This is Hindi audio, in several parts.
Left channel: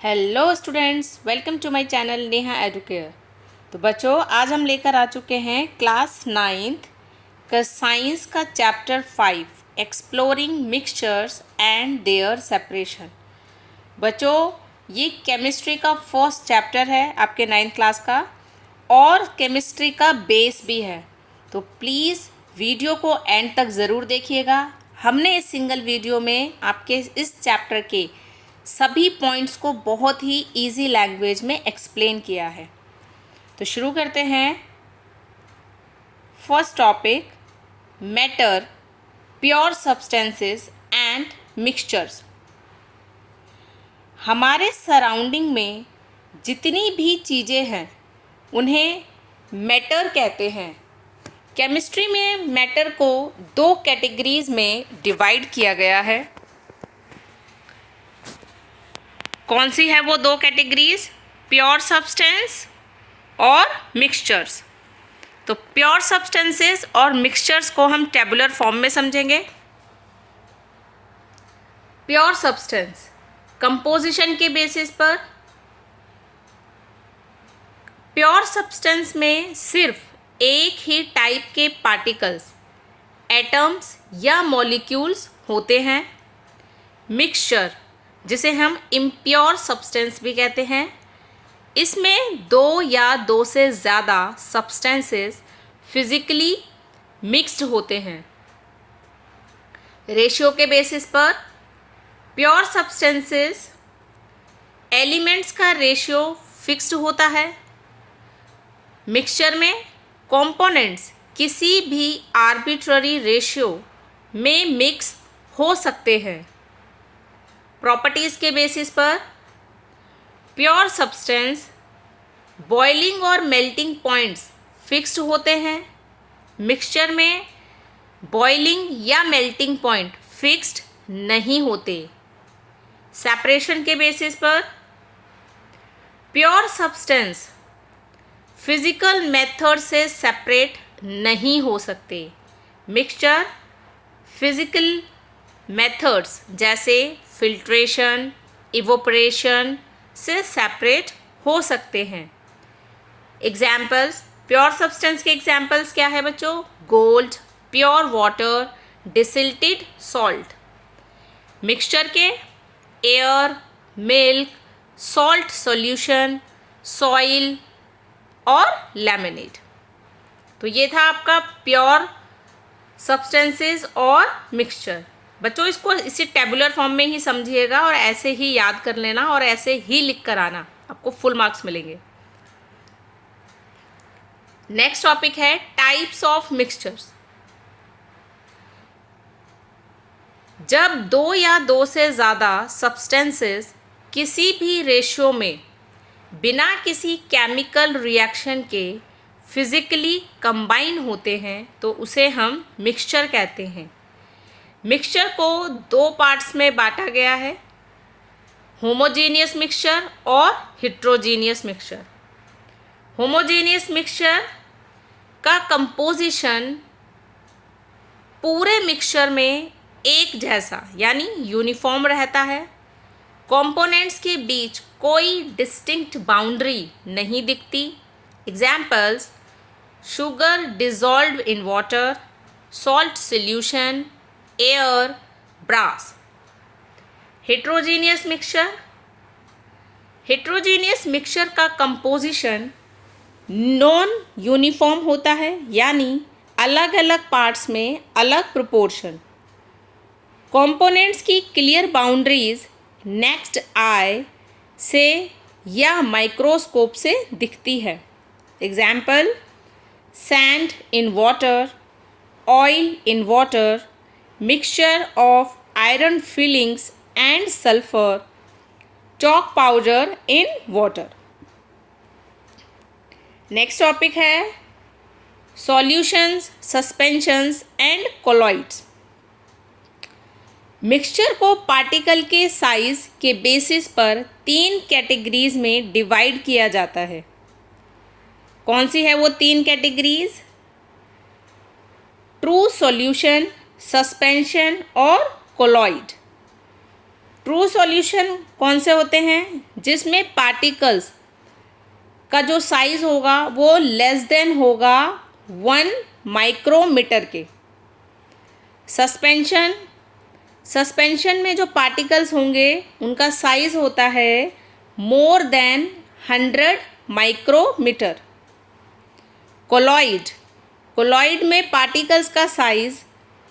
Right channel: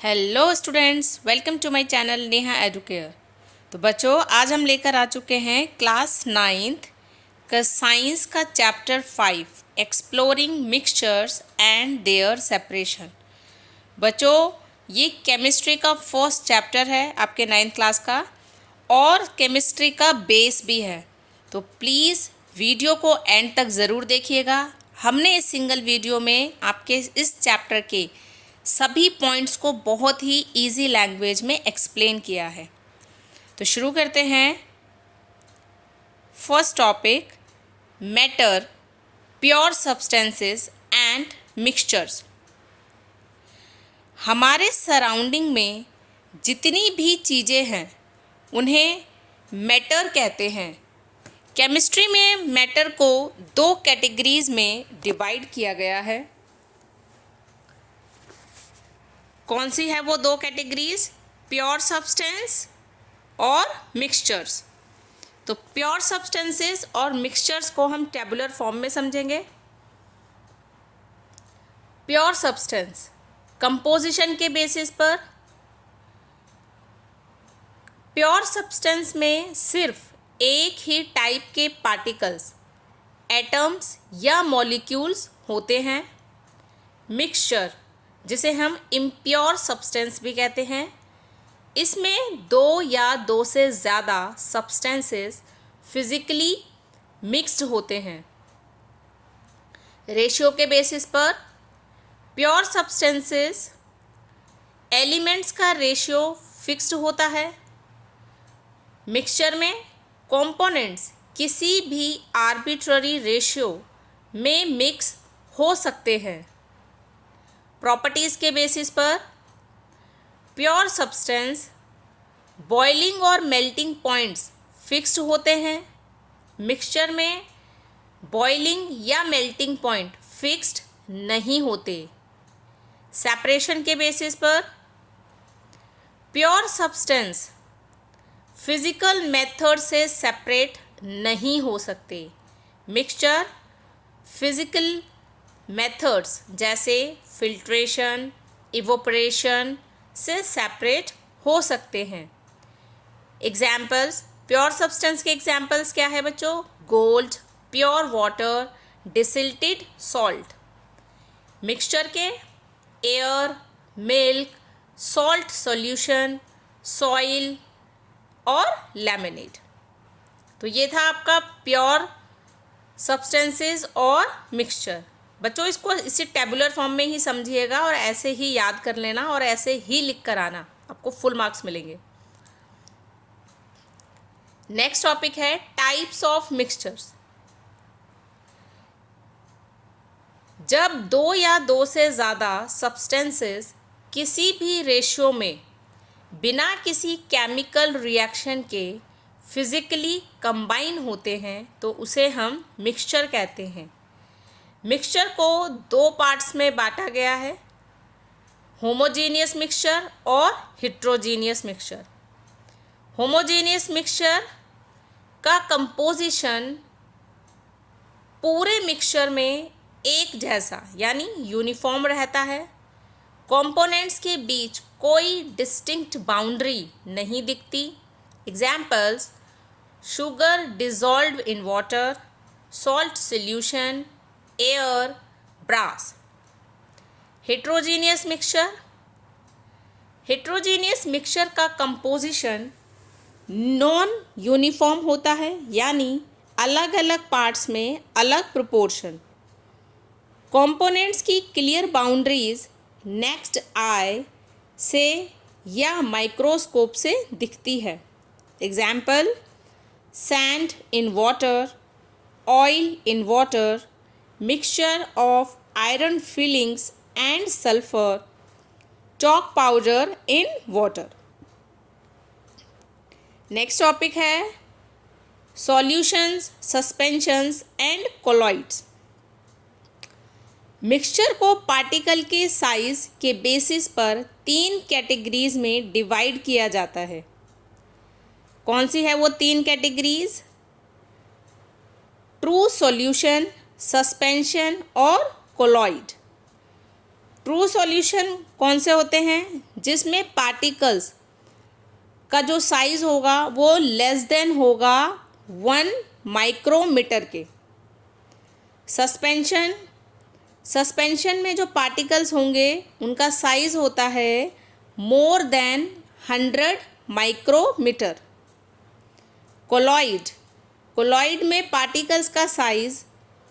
Hello students, welcome to my channel Neha Educare. तो बच्चों, आज हम लेकर आ चुके हैं क्लास 9th का साइंस का chapter 5 exploring mixtures and their separation. बच्चों, ये केमिस्ट्री का फर्स्ट चैप्टर है आपके 9th क्लास का और केमिस्ट्री का बेस भी है। तो प्लीज़ वीडियो को एंड तक ज़रूर देखिएगा। हमने इस सिंगल वीडियो में आपके इस चैप्टर के सभी पॉइंट्स को बहुत ही इजी लैंग्वेज में एक्सप्लेन किया है। तो शुरू करते हैं। First topic, matter, pure substances and mixtures. हमारे सराउंडिंग में जितनी भी चीज़ें हैं उन्हें मैटर कहते हैं। केमिस्ट्री में मैटर को दो कैटेगरीज में डिवाइड किया गया है। कौन सी है वो दो कैटेगरीज? प्योर सब्सटेंस और मिक्सचर्स। तो प्योर सब्सटेंसेस और मिक्सचर्स को हम टेबुलर फॉर्म में समझेंगे। प्योर सब्सटेंस कंपोजिशन के बेसिस पर। प्योर सब्सटेंस में सिर्फ एक ही टाइप के पार्टिकल्स, एटम्स या मॉलिक्यूल्स होते हैं। मिक्सचर, जिसे हम इम्प्योर सब्सटेंस भी कहते हैं, इसमें दो या दो से ज़्यादा सब्सटेंसेस फिजिकली मिक्स्ड होते हैं। रेशियो के बेसिस पर प्योर सब्सटेंसेस एलिमेंट्स का रेशियो फिक्स्ड होता है। मिक्सचर में कंपोनेंट्स किसी भी आर्बिट्ररी रेशियो में मिक्स हो सकते हैं। प्रॉपर्टीज़ के बेसिस पर प्योर सब्सटेंस बॉइलिंग और मेल्टिंग पॉइंट्स फिक्स्ड होते हैं। मिक्सचर में बॉइलिंग या मेल्टिंग पॉइंट फिक्स्ड नहीं होते। सेपरेशन के बेसिस पर प्योर सब्सटेंस फिजिकल मेथड से सेपरेट नहीं हो सकते। मिक्सचर फिजिकल मेथड्स जैसे फिल्ट्रेशन, इवोपरेशन से सेपरेट हो सकते हैं। एग्जाम्पल्स, प्योर सब्सटेंस के एग्जाम्पल्स क्या है बच्चों? Gold, pure water, distilled salt. Mixture के air, milk, salt solution, soil और लेमनेड। तो ये था आपका प्योर सब्सटेंसेस और मिक्सचर। बच्चों, इसको इसी टेबुलर फॉर्म में ही समझिएगा और ऐसे ही याद कर लेना और ऐसे ही लिख कर आना, आपको फुल मार्क्स मिलेंगे। नेक्स्ट टॉपिक है टाइप्स ऑफ मिक्सचर्स। जब दो या दो से ज़्यादा सब्सटेंसेस किसी भी रेशियो में बिना किसी केमिकल रिएक्शन के फिजिकली कंबाइन होते हैं तो उसे हम मिक्सचर कहते हैं। मिक्सचर को दो पार्ट्स में बांटा गया है, होमोजेनियस मिक्सचर और हेट्रोजेनियस मिक्सचर। होमोजेनियस मिक्सचर का कंपोजिशन पूरे मिक्सचर में एक जैसा यानी यूनिफॉर्म रहता है। कंपोनेंट्स के बीच कोई डिस्टिंक्ट बाउंड्री नहीं दिखती। Examples, sugar dissolved in water, salt solution, air, brass. Heterogeneous mixture, heterogeneous mixture का कंपोजिशन नॉन यूनिफॉर्म होता है यानी अलग अलग पार्ट्स में अलग प्रोपोर्शन। कंपोनेंट्स की क्लियर बाउंड्रीज नेक्स्ट आई से या माइक्रोस्कोप से दिखती है। Example, sand in water, oil in water, mixture of iron fillings and sulfur, chalk powder in water. Next topic है solutions, suspensions and colloids. Mixture को पार्टिकल के साइज के बेसिस पर तीन कैटेगरीज में डिवाइड किया जाता है। कौन सी है वो तीन कैटेगरीज? ट्रू सॉल्यूशन, सस्पेंशन और कोलॉइड। ट्रू सॉल्यूशन कौन से होते हैं? जिसमें पार्टिकल्स का जो साइज होगा वो लेस देन होगा 1 माइक्रोमीटर के। सस्पेंशन में जो पार्टिकल्स होंगे उनका साइज होता है मोर देन 100 माइक्रोमीटर। कोलॉइड में पार्टिकल्स का साइज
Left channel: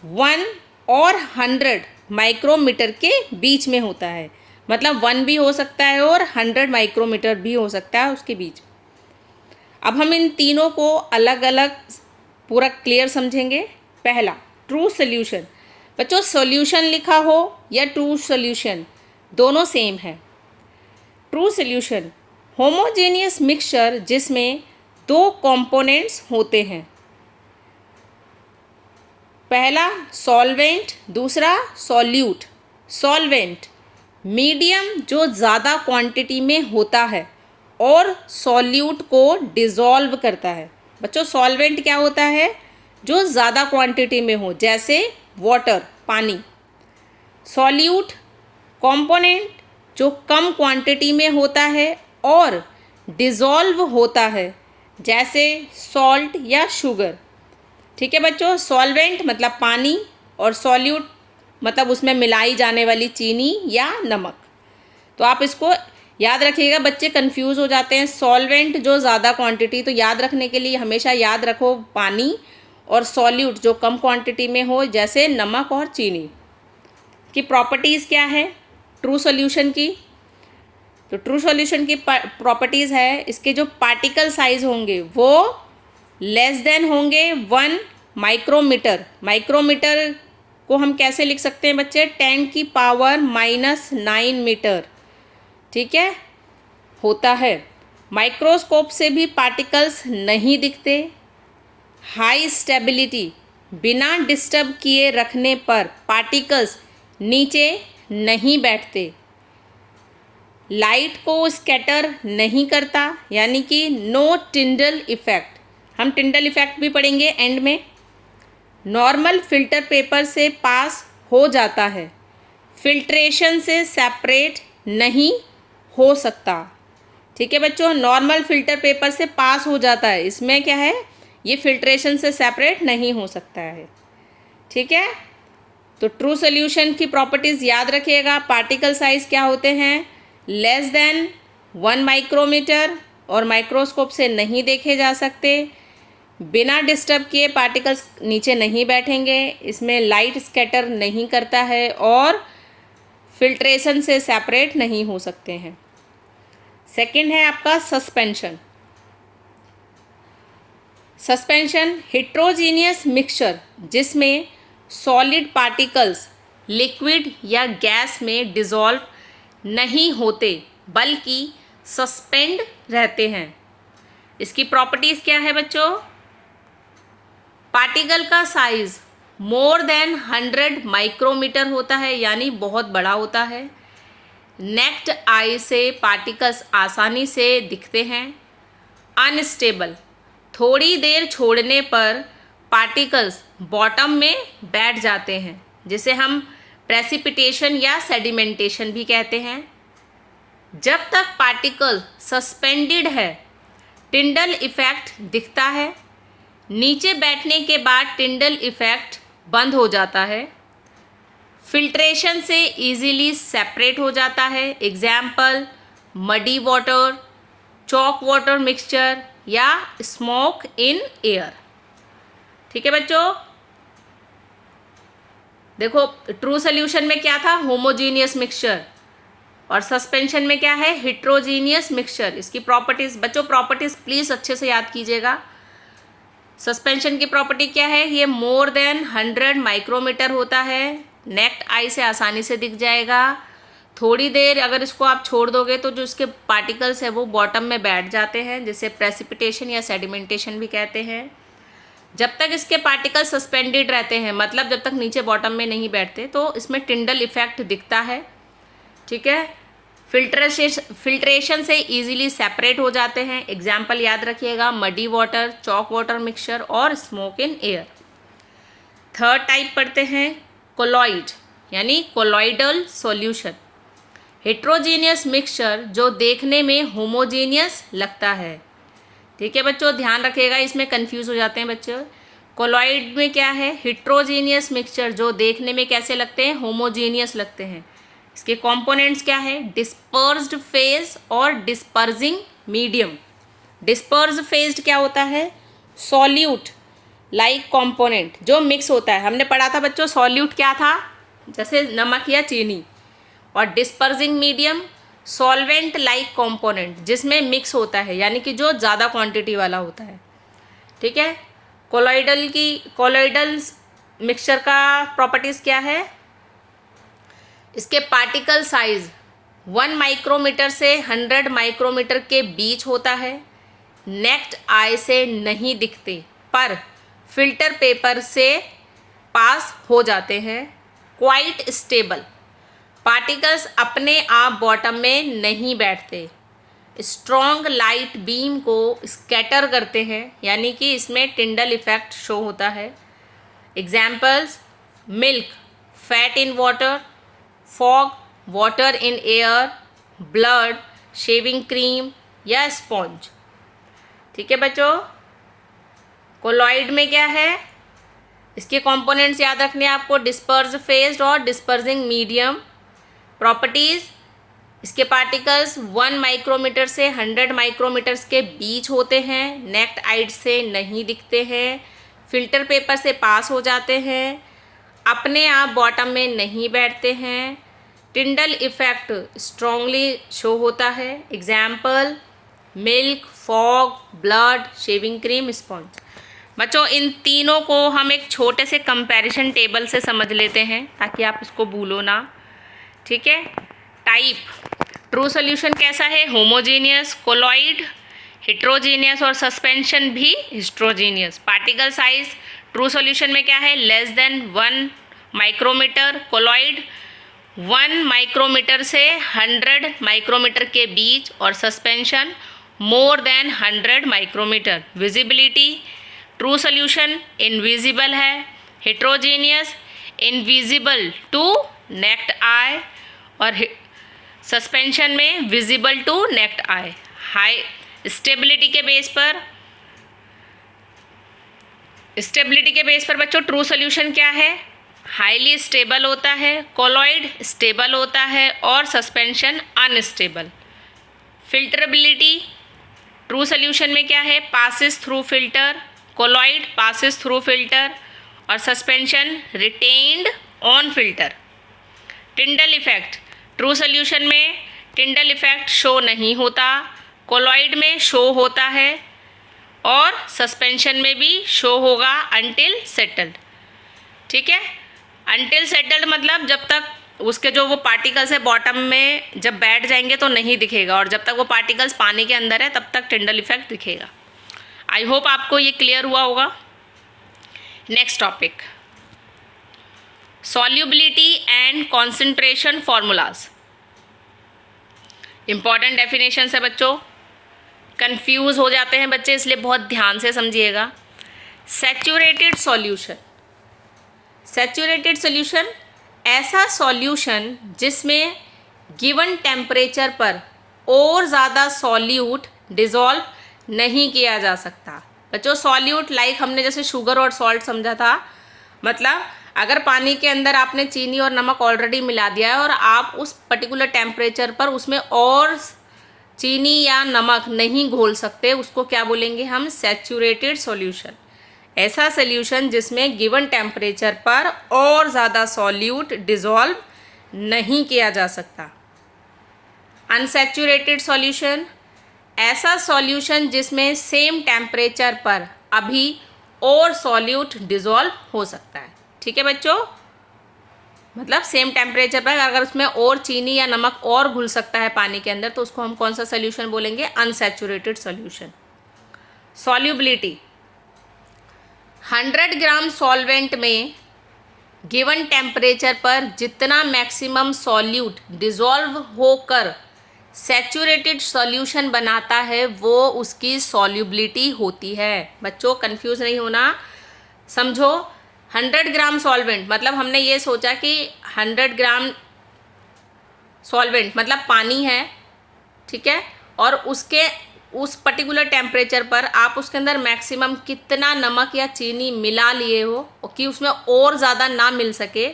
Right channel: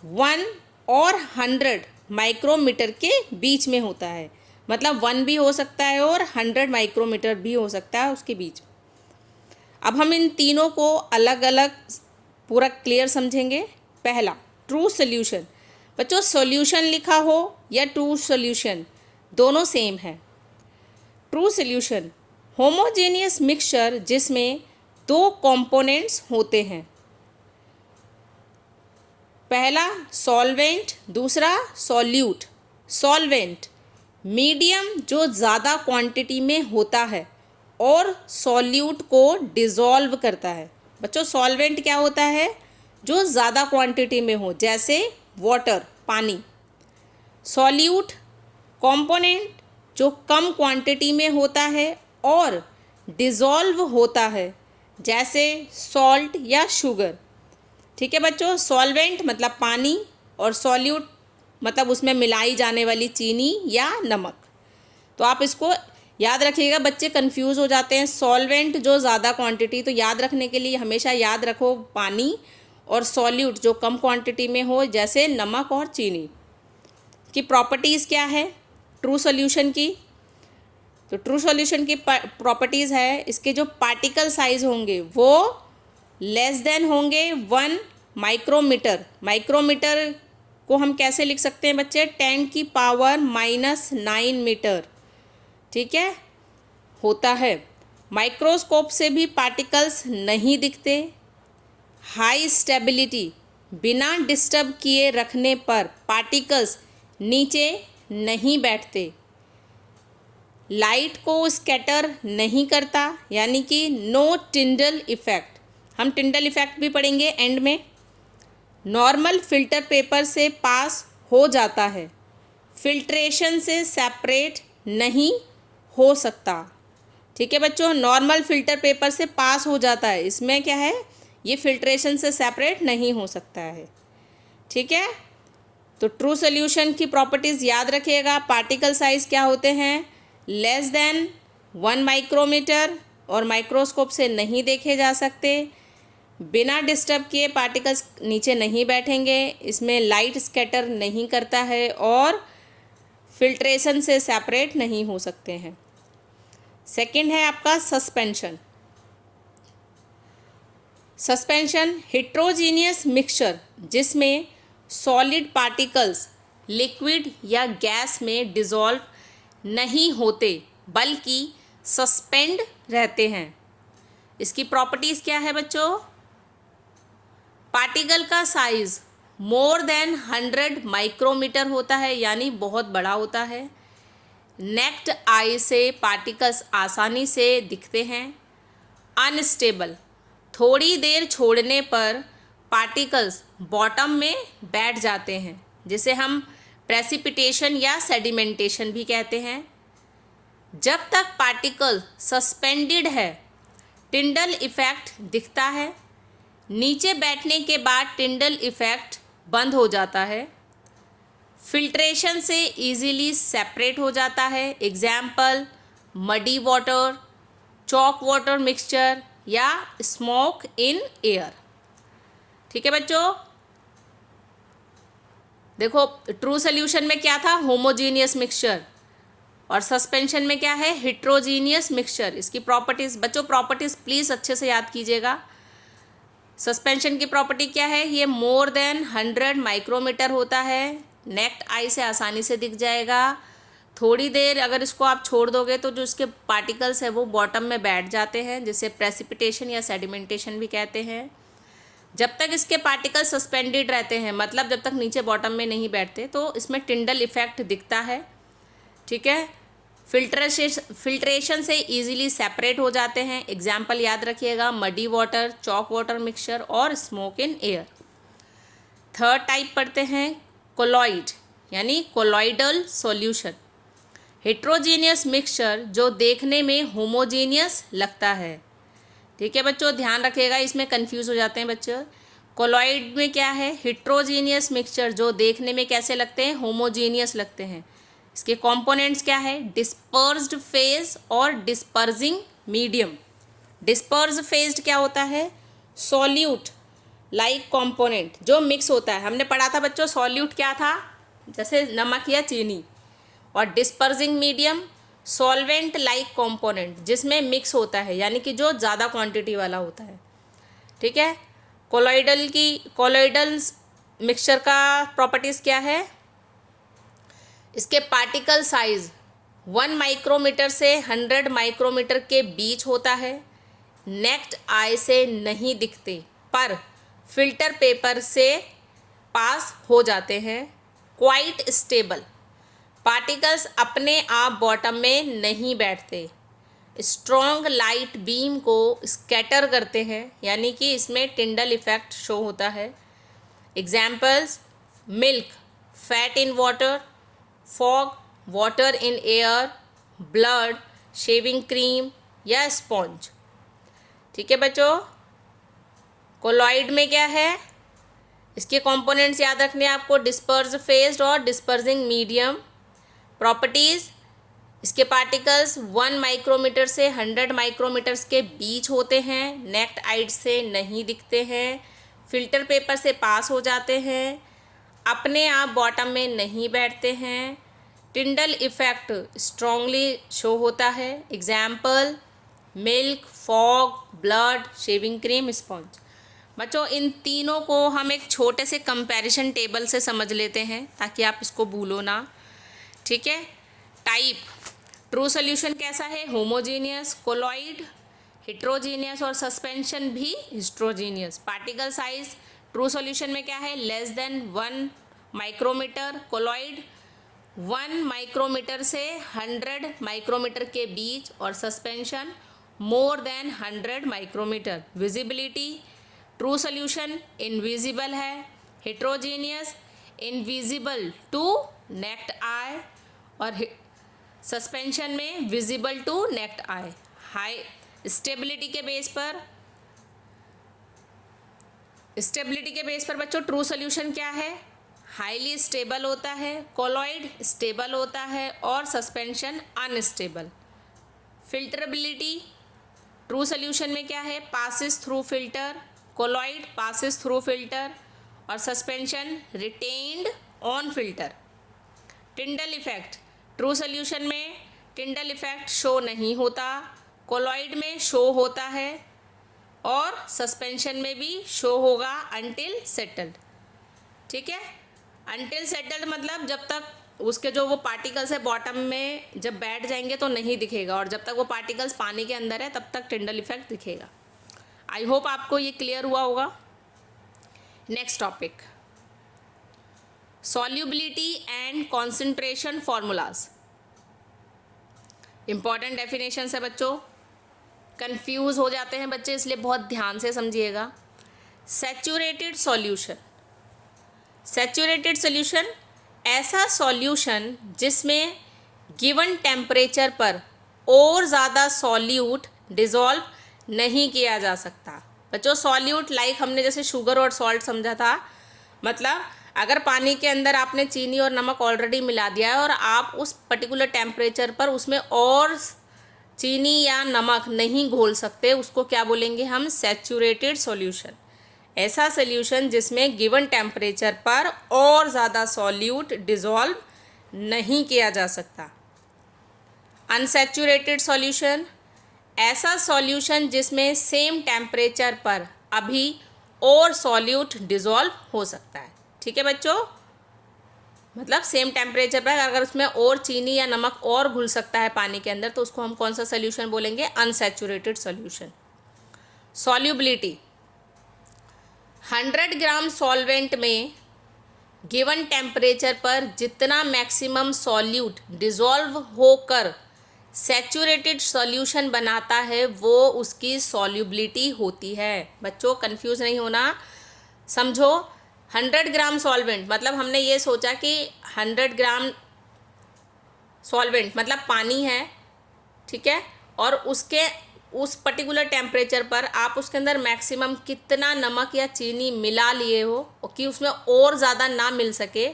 1 और 100 माइक्रोमीटर के बीच में होता है, मतलब 1 भी हो सकता है और 100 माइक्रोमीटर भी हो सकता है उसके बीच। अब हम इन तीनों को अलग अलग पूरा क्लियर समझेंगे। पहला, ट्रू सॉल्यूशन। बच्चों, सॉल्यूशन लिखा हो या ट्रू सॉल्यूशन दोनों सेम है। ट्रू सॉल्यूशन होमोजेनियस मिक्सचर जिसमें 2 कंपोनेंट्स होते हैं। पहला सॉल्वेंट, दूसरा सॉल्यूट। सॉल्वेंट मीडियम जो ज़्यादा क्वांटिटी में होता है और सॉल्यूट को डिज़ोल्व करता है। बच्चों, सॉल्वेंट क्या होता है? जो ज़्यादा क्वांटिटी में हो, जैसे वाटर, पानी। सॉल्यूट कंपोनेंट जो कम क्वांटिटी में होता है और डिज़ोल्व होता है, जैसे सॉल्ट या शुगर। ठीक है बच्चों, सॉल्वेंट मतलब पानी और सॉल्यूट मतलब उसमें मिलाई जाने वाली चीनी या नमक। तो आप इसको याद रखिएगा, बच्चे कंफ्यूज हो जाते हैं। सॉल्वेंट जो ज़्यादा क्वांटिटी, तो याद रखने के लिए हमेशा याद रखो पानी, और सॉल्यूट जो कम क्वांटिटी में हो, जैसे नमक और चीनी। की प्रॉपर्टीज़ क्या है ट्रू सॉल्यूशन की? तो ट्रू सॉल्यूशन की प्रॉपर्टीज़ है, इसके जो पार्टिकल साइज होंगे वो लेस देन होंगे 1 माइक्रोमीटर। माइक्रोमीटर को हम कैसे लिख सकते हैं बच्चे? 10⁻⁻9 मीटर। ठीक है, होता है। माइक्रोस्कोप से भी पार्टिकल्स नहीं दिखते। हाई स्टेबिलिटी, बिना डिस्टर्ब किए रखने पर पार्टिकल्स नीचे नहीं बैठते। लाइट को स्कैटर नहीं करता, यानी कि नो टिंडल इफेक्ट। हम टिंडल इफेक्ट भी पढ़ेंगे एंड में। नॉर्मल फिल्टर पेपर से पास हो जाता है, फिल्ट्रेशन से सेपरेट नहीं हो सकता। ठीक है बच्चों, नॉर्मल फिल्टर पेपर से पास हो जाता है, इसमें क्या है? ये फिल्ट्रेशन से सेपरेट नहीं हो सकता है। ठीक है, तो ट्रू सॉल्यूशन की प्रॉपर्टीज़ याद रखिएगा। पार्टिकल साइज क्या होते हैं? लेस देन 1 माइक्रोमीटर और माइक्रोस्कोप से नहीं देखे जा सकते। बिना डिस्टर्ब किए पार्टिकल्स नीचे नहीं बैठेंगे, इसमें लाइट स्कैटर नहीं करता है और फिल्ट्रेशन से सेपरेट नहीं हो सकते हैं। सेकंड है आपका सस्पेंशन। सस्पेंशन हेट्रोजीनियस मिक्सचर जिसमें सॉलिड पार्टिकल्स लिक्विड या गैस में डिज़ोल्व नहीं होते बल्कि सस्पेंड रहते हैं। इसकी प्रॉपर्टीज़ क्या है बच्चों? पार्टिकल का साइज मोर देन 100 माइक्रोमीटर होता है, यानी बहुत बड़ा होता है। नेक्ड आई से पार्टिकल्स आसानी से दिखते हैं। अनस्टेबल, थोड़ी देर छोड़ने पर पार्टिकल्स बॉटम में बैठ जाते हैं, जिसे हम प्रेसिपिटेशन या सेडिमेंटेशन भी कहते हैं। जब तक पार्टिकल सस्पेंडेड है टिंडल इफेक्ट दिखता है, नीचे बैठने के बाद टिंडल इफेक्ट बंद हो जाता है। फिल्ट्रेशन से इजीली सेपरेट हो जाता है। Example muddy water, chalk water mixture या स्मोक इन एयर। ठीक है बच्चों, देखो ट्रू सॉल्यूशन में क्या था? होमोजीनियस मिक्सचर, और सस्पेंशन में क्या है? Heterogeneous mixture. इसकी प्रॉपर्टीज बच्चों, प्रॉपर्टीज प्लीज अच्छे से याद कीजिएगा। सस्पेंशन की प्रॉपर्टी क्या है? ये मोर देन 100 माइक्रोमीटर होता है, नेक्ड आई से आसानी से दिख जाएगा। थोड़ी देर अगर इसको आप छोड़ दोगे तो जो इसके पार्टिकल्स है वो बॉटम में बैठ जाते हैं, जिसे प्रेसिपिटेशन या सेडिमेंटेशन भी कहते हैं। जब तक इसके पार्टिकल्स सस्पेंडेड रहते हैं, मतलब जब तक नीचे बॉटम में नहीं बैठते, तो इसमें टिंडल इफेक्ट दिखता है। ठीक है, फिल्ट्रेशन से इजीली सेपरेट हो जाते हैं। एग्जाम्पल याद रखिएगा, muddy water, chalk water mixture और smoke in air. Third type पढ़ते हैं कोलॉइड, यानी कोलॉइडल सॉल्यूशन। हेट्रोजीनियस मिक्सचर जो देखने में होमोजीनियस लगता है। ठीक है बच्चों, ध्यान रखिएगा, इसमें कंफ्यूज हो जाते हैं बच्चों। कोलॉइड में क्या है, हेट्रोजीनियस मिक्सचर जो देखने में कैसे लगते हैं, होमोजीनियस लगते हैं। इसके कंपोनेंट्स क्या है, डिस्पर्स्ड फेज और डिस्पर्जिंग मीडियम। डिस्पर्स फेज्ड क्या होता है, सॉल्यूट लाइक कंपोनेंट जो मिक्स होता है। हमने पढ़ा था बच्चों सॉल्यूट क्या था, जैसे नमक या चीनी। और डिस्पर्जिंग मीडियम सॉल्वेंट लाइक कंपोनेंट जिसमें मिक्स होता है, यानी कि जो ज़्यादा क्वांटिटी वाला होता है। ठीक है, कोलॉइडल मिक्सचर का प्रॉपर्टीज़ क्या है, इसके पार्टिकल साइज 1 माइक्रोमीटर से 100 माइक्रोमीटर के बीच होता है। नेक्ड आई से नहीं दिखते पर फिल्टर पेपर से पास हो जाते हैं। क्वाइट स्टेबल, पार्टिकल्स अपने आप बॉटम में नहीं बैठते। स्ट्रॉन्ग लाइट बीम को स्कैटर करते हैं, यानी कि इसमें टिंडल इफेक्ट शो होता है। Examples, milk, fat in water, fog, water in air, blood, shaving cream या स्पॉन्ज। ठीक है बच्चों, कोलॉइड में क्या है, इसके कंपोनेंट्स याद रखने आपको, डिस्पर्स फेज्ड और डिस्पर्सिंग मीडियम। प्रॉपर्टीज़, इसके पार्टिकल्स 1 माइक्रोमीटर से 100 माइक्रोमीटर्स के बीच होते हैं। नेक्ड आइड से नहीं दिखते हैं। फिल्टर पेपर से पास हो जाते हैं। अपने आप बॉटम में नहीं बैठते हैं। टिंडल इफेक्ट स्ट्रांगली शो होता है। Example, milk, fog, blood, shaving cream, sponge. बच्चों इन तीनों को हम एक छोटे से कंपैरिजन टेबल से समझ लेते हैं ताकि आप इसको भूलो ना। ठीक है, टाइप, ट्रू सोल्यूशन कैसा है, होमोजीनियस। कोलॉइड हेट्रोजीनियस और सस्पेंशन भी heterogeneous. Particle size true solution में क्या है, less than 1 micrometre. Colloid 1 micrometre से 100 माइक्रोमीटर के बीच और suspension more than 100 micrometre. Visibility, true solution invisible है। Heterogeneous invisible to naked eye और सस्पेंशन में visible to naked eye. High stability के बेस पर बच्चों ट्रू सोल्यूशन क्या है, हाईली स्टेबल होता है। कोलॉइड स्टेबल होता है और suspension unstable. Filterability, true solution में क्या है, passes through filter. Colloid passes through filter और suspension retained on filter. Tyndall effect, true solution में टिंडल इफेक्ट शो नहीं होता, कोलॉइड में शो होता है और सस्पेंशन में भी शो होगा अनटिल सेटल्ड। ठीक है, अनटिल सेटल्ड मतलब जब तक उसके जो वो पार्टिकल्स है बॉटम में जब बैठ जाएंगे तो नहीं दिखेगा, और जब तक वो पार्टिकल्स पानी के अंदर है तब तक टिंडल इफेक्ट दिखेगा। आई होप आपको ये क्लियर हुआ होगा। Next topic, solubility and concentration formulas. Important definition है बच्चों, कंफ्यूज हो जाते हैं बच्चे, इसलिए बहुत ध्यान से समझिएगा। सैचुरेटेड सॉल्यूशन, सैचुरेटेड सॉल्यूशन ऐसा सॉल्यूशन जिसमें गिवन टेम्परेचर पर और ज़्यादा सॉल्यूट डिज़ोल्व नहीं किया जा सकता। बच्चों सॉल्यूट लाइक हमने जैसे शुगर और सॉल्ट समझा था, मतलब अगर पानी के अंदर आपने चीनी और नमक ऑलरेडी मिला दिया है और आप उस पर्टिकुलर टेम्परेचर पर उसमें और चीनी या नमक नहीं घोल सकते, उसको क्या बोलेंगे हम, सैचुरेटेड सॉल्यूशन। ऐसा सॉल्यूशन जिसमें गिवन टेम्परेचर पर और ज़्यादा सॉल्यूट डिज़ोल्व नहीं किया जा सकता। अनसैचुरेटेड सॉल्यूशन, ऐसा सॉल्यूशन जिसमें सेम टेम्परेचर पर अभी और सॉल्यूट डिज़ोल्व हो सकता है। ठीक है बच्चों, मतलब सेम टेम्परेचर पर अगर उसमें और चीनी या नमक और घुल सकता है पानी के अंदर तो उसको हम कौन सा सॉल्यूशन बोलेंगे, अनसैचुरेटेड सॉल्यूशन। सॉल्युबिलिटी, 100 ग्राम सॉल्वेंट में गिवन टेम्परेचर पर जितना मैक्सिमम सॉल्यूट डिज़ोल्व होकर सैचुरेटेड सॉल्यूशन बनाता है वो उसकी सॉल्युबिलिटी होती है। बच्चों कंफ्यूज नहीं होना, समझो 100 ग्राम सॉल्वेंट मतलब हमने ये सोचा कि 100 ग्राम सॉल्वेंट मतलब पानी है, ठीक है, और उसके उस पर्टिकुलर टेम्परेचर पर आप उसके अंदर मैक्सिमम कितना नमक या चीनी मिला लिए हो कि उसमें और ज़्यादा ना मिल सके,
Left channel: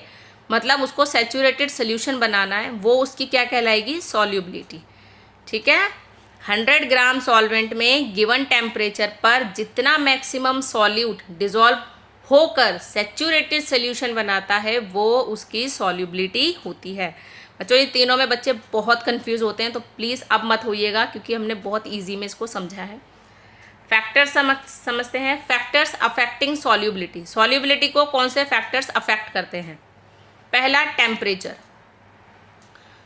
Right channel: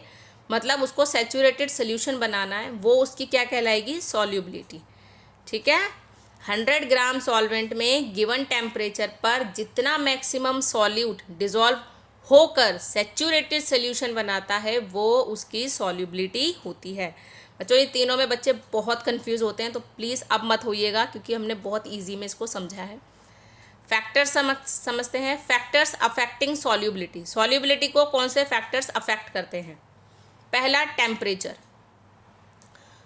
मतलब उसको सैचुरेटेड सोल्यूशन बनाना है, वो उसकी क्या कहलाएगी, सॉल्युबिलिटी। ठीक है, 100 ग्राम सॉल्वेंट में गिवन टेम्परेचर पर जितना मैक्सिमम सॉल्यूट डिजॉल्व होकर सैचुरेटेड सोल्यूशन बनाता है वो उसकी सॉल्युबिलिटी होती है। बच्चों ये तीनों में बच्चे बहुत कंफ्यूज होते हैं, तो प्लीज़ अब मत होइएगा क्योंकि हमने बहुत इजी में इसको समझा है। फैक्टर्स समझते हैं। Factors affecting solubility. सॉल्युबिलिटी को कौन से फैक्टर्स अफेक्ट करते हैं? पहला, temperature.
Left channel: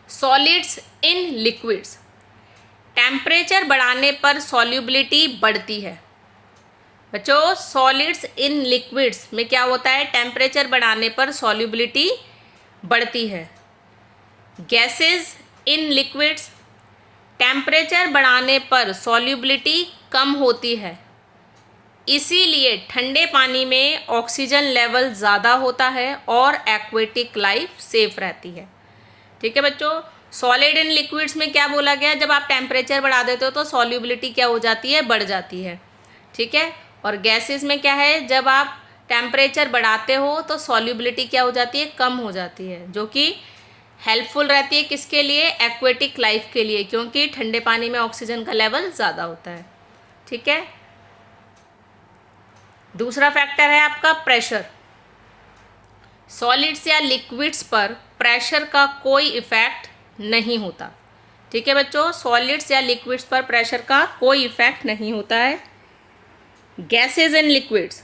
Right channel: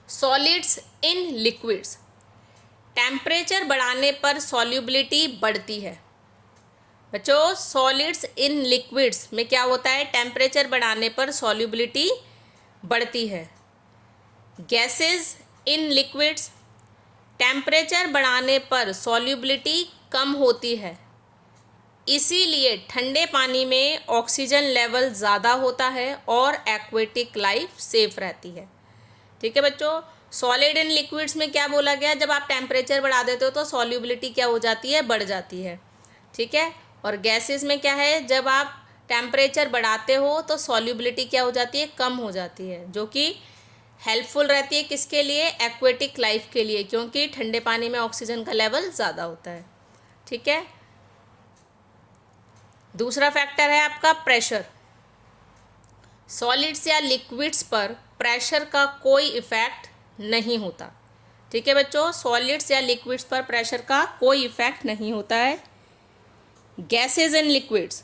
Solids in liquids, temperature बढ़ाने पर सॉल्युबिलिटी बढ़ती है। बच्चों सॉलिड्स इन लिक्विड्स में क्या होता है, टेम्परेचर बढ़ाने पर सॉल्युबिलिटी बढ़ती है। गैसेस इन लिक्विड्स, टेम्परेचर बढ़ाने पर सॉल्युबिलिटी कम होती है, इसीलिए ठंडे पानी में ऑक्सीजन लेवल ज़्यादा होता है और एक्वेटिक लाइफ सेफ रहती है। ठीक है बच्चों, सॉलिड इन लिक्विड्स में क्या बोला गया, जब आप टेम्परेचर बढ़ा देते हो तो सॉल्युबिलिटी क्या हो जाती है, बढ़ जाती है। ठीक है, और गैसेस में क्या है, जब आप टेम्परेचर बढ़ाते हो तो सॉल्युबिलिटी क्या हो जाती है, कम हो जाती है, जो कि हेल्पफुल रहती है किसके लिए, एक्वेटिक लाइफ के लिए, क्योंकि ठंडे पानी में ऑक्सीजन का लेवल ज़्यादा होता है। ठीक है, दूसरा फैक्टर है आपका प्रेशर। सॉलिड्स या लिक्विड्स पर प्रेशर का कोई इफेक्ट नहीं होता। ठीक है बच्चों, सॉलिड्स या लिक्विड्स पर प्रेशर का कोई इफेक्ट नहीं होता है। गैसेज इन लिक्विड्स,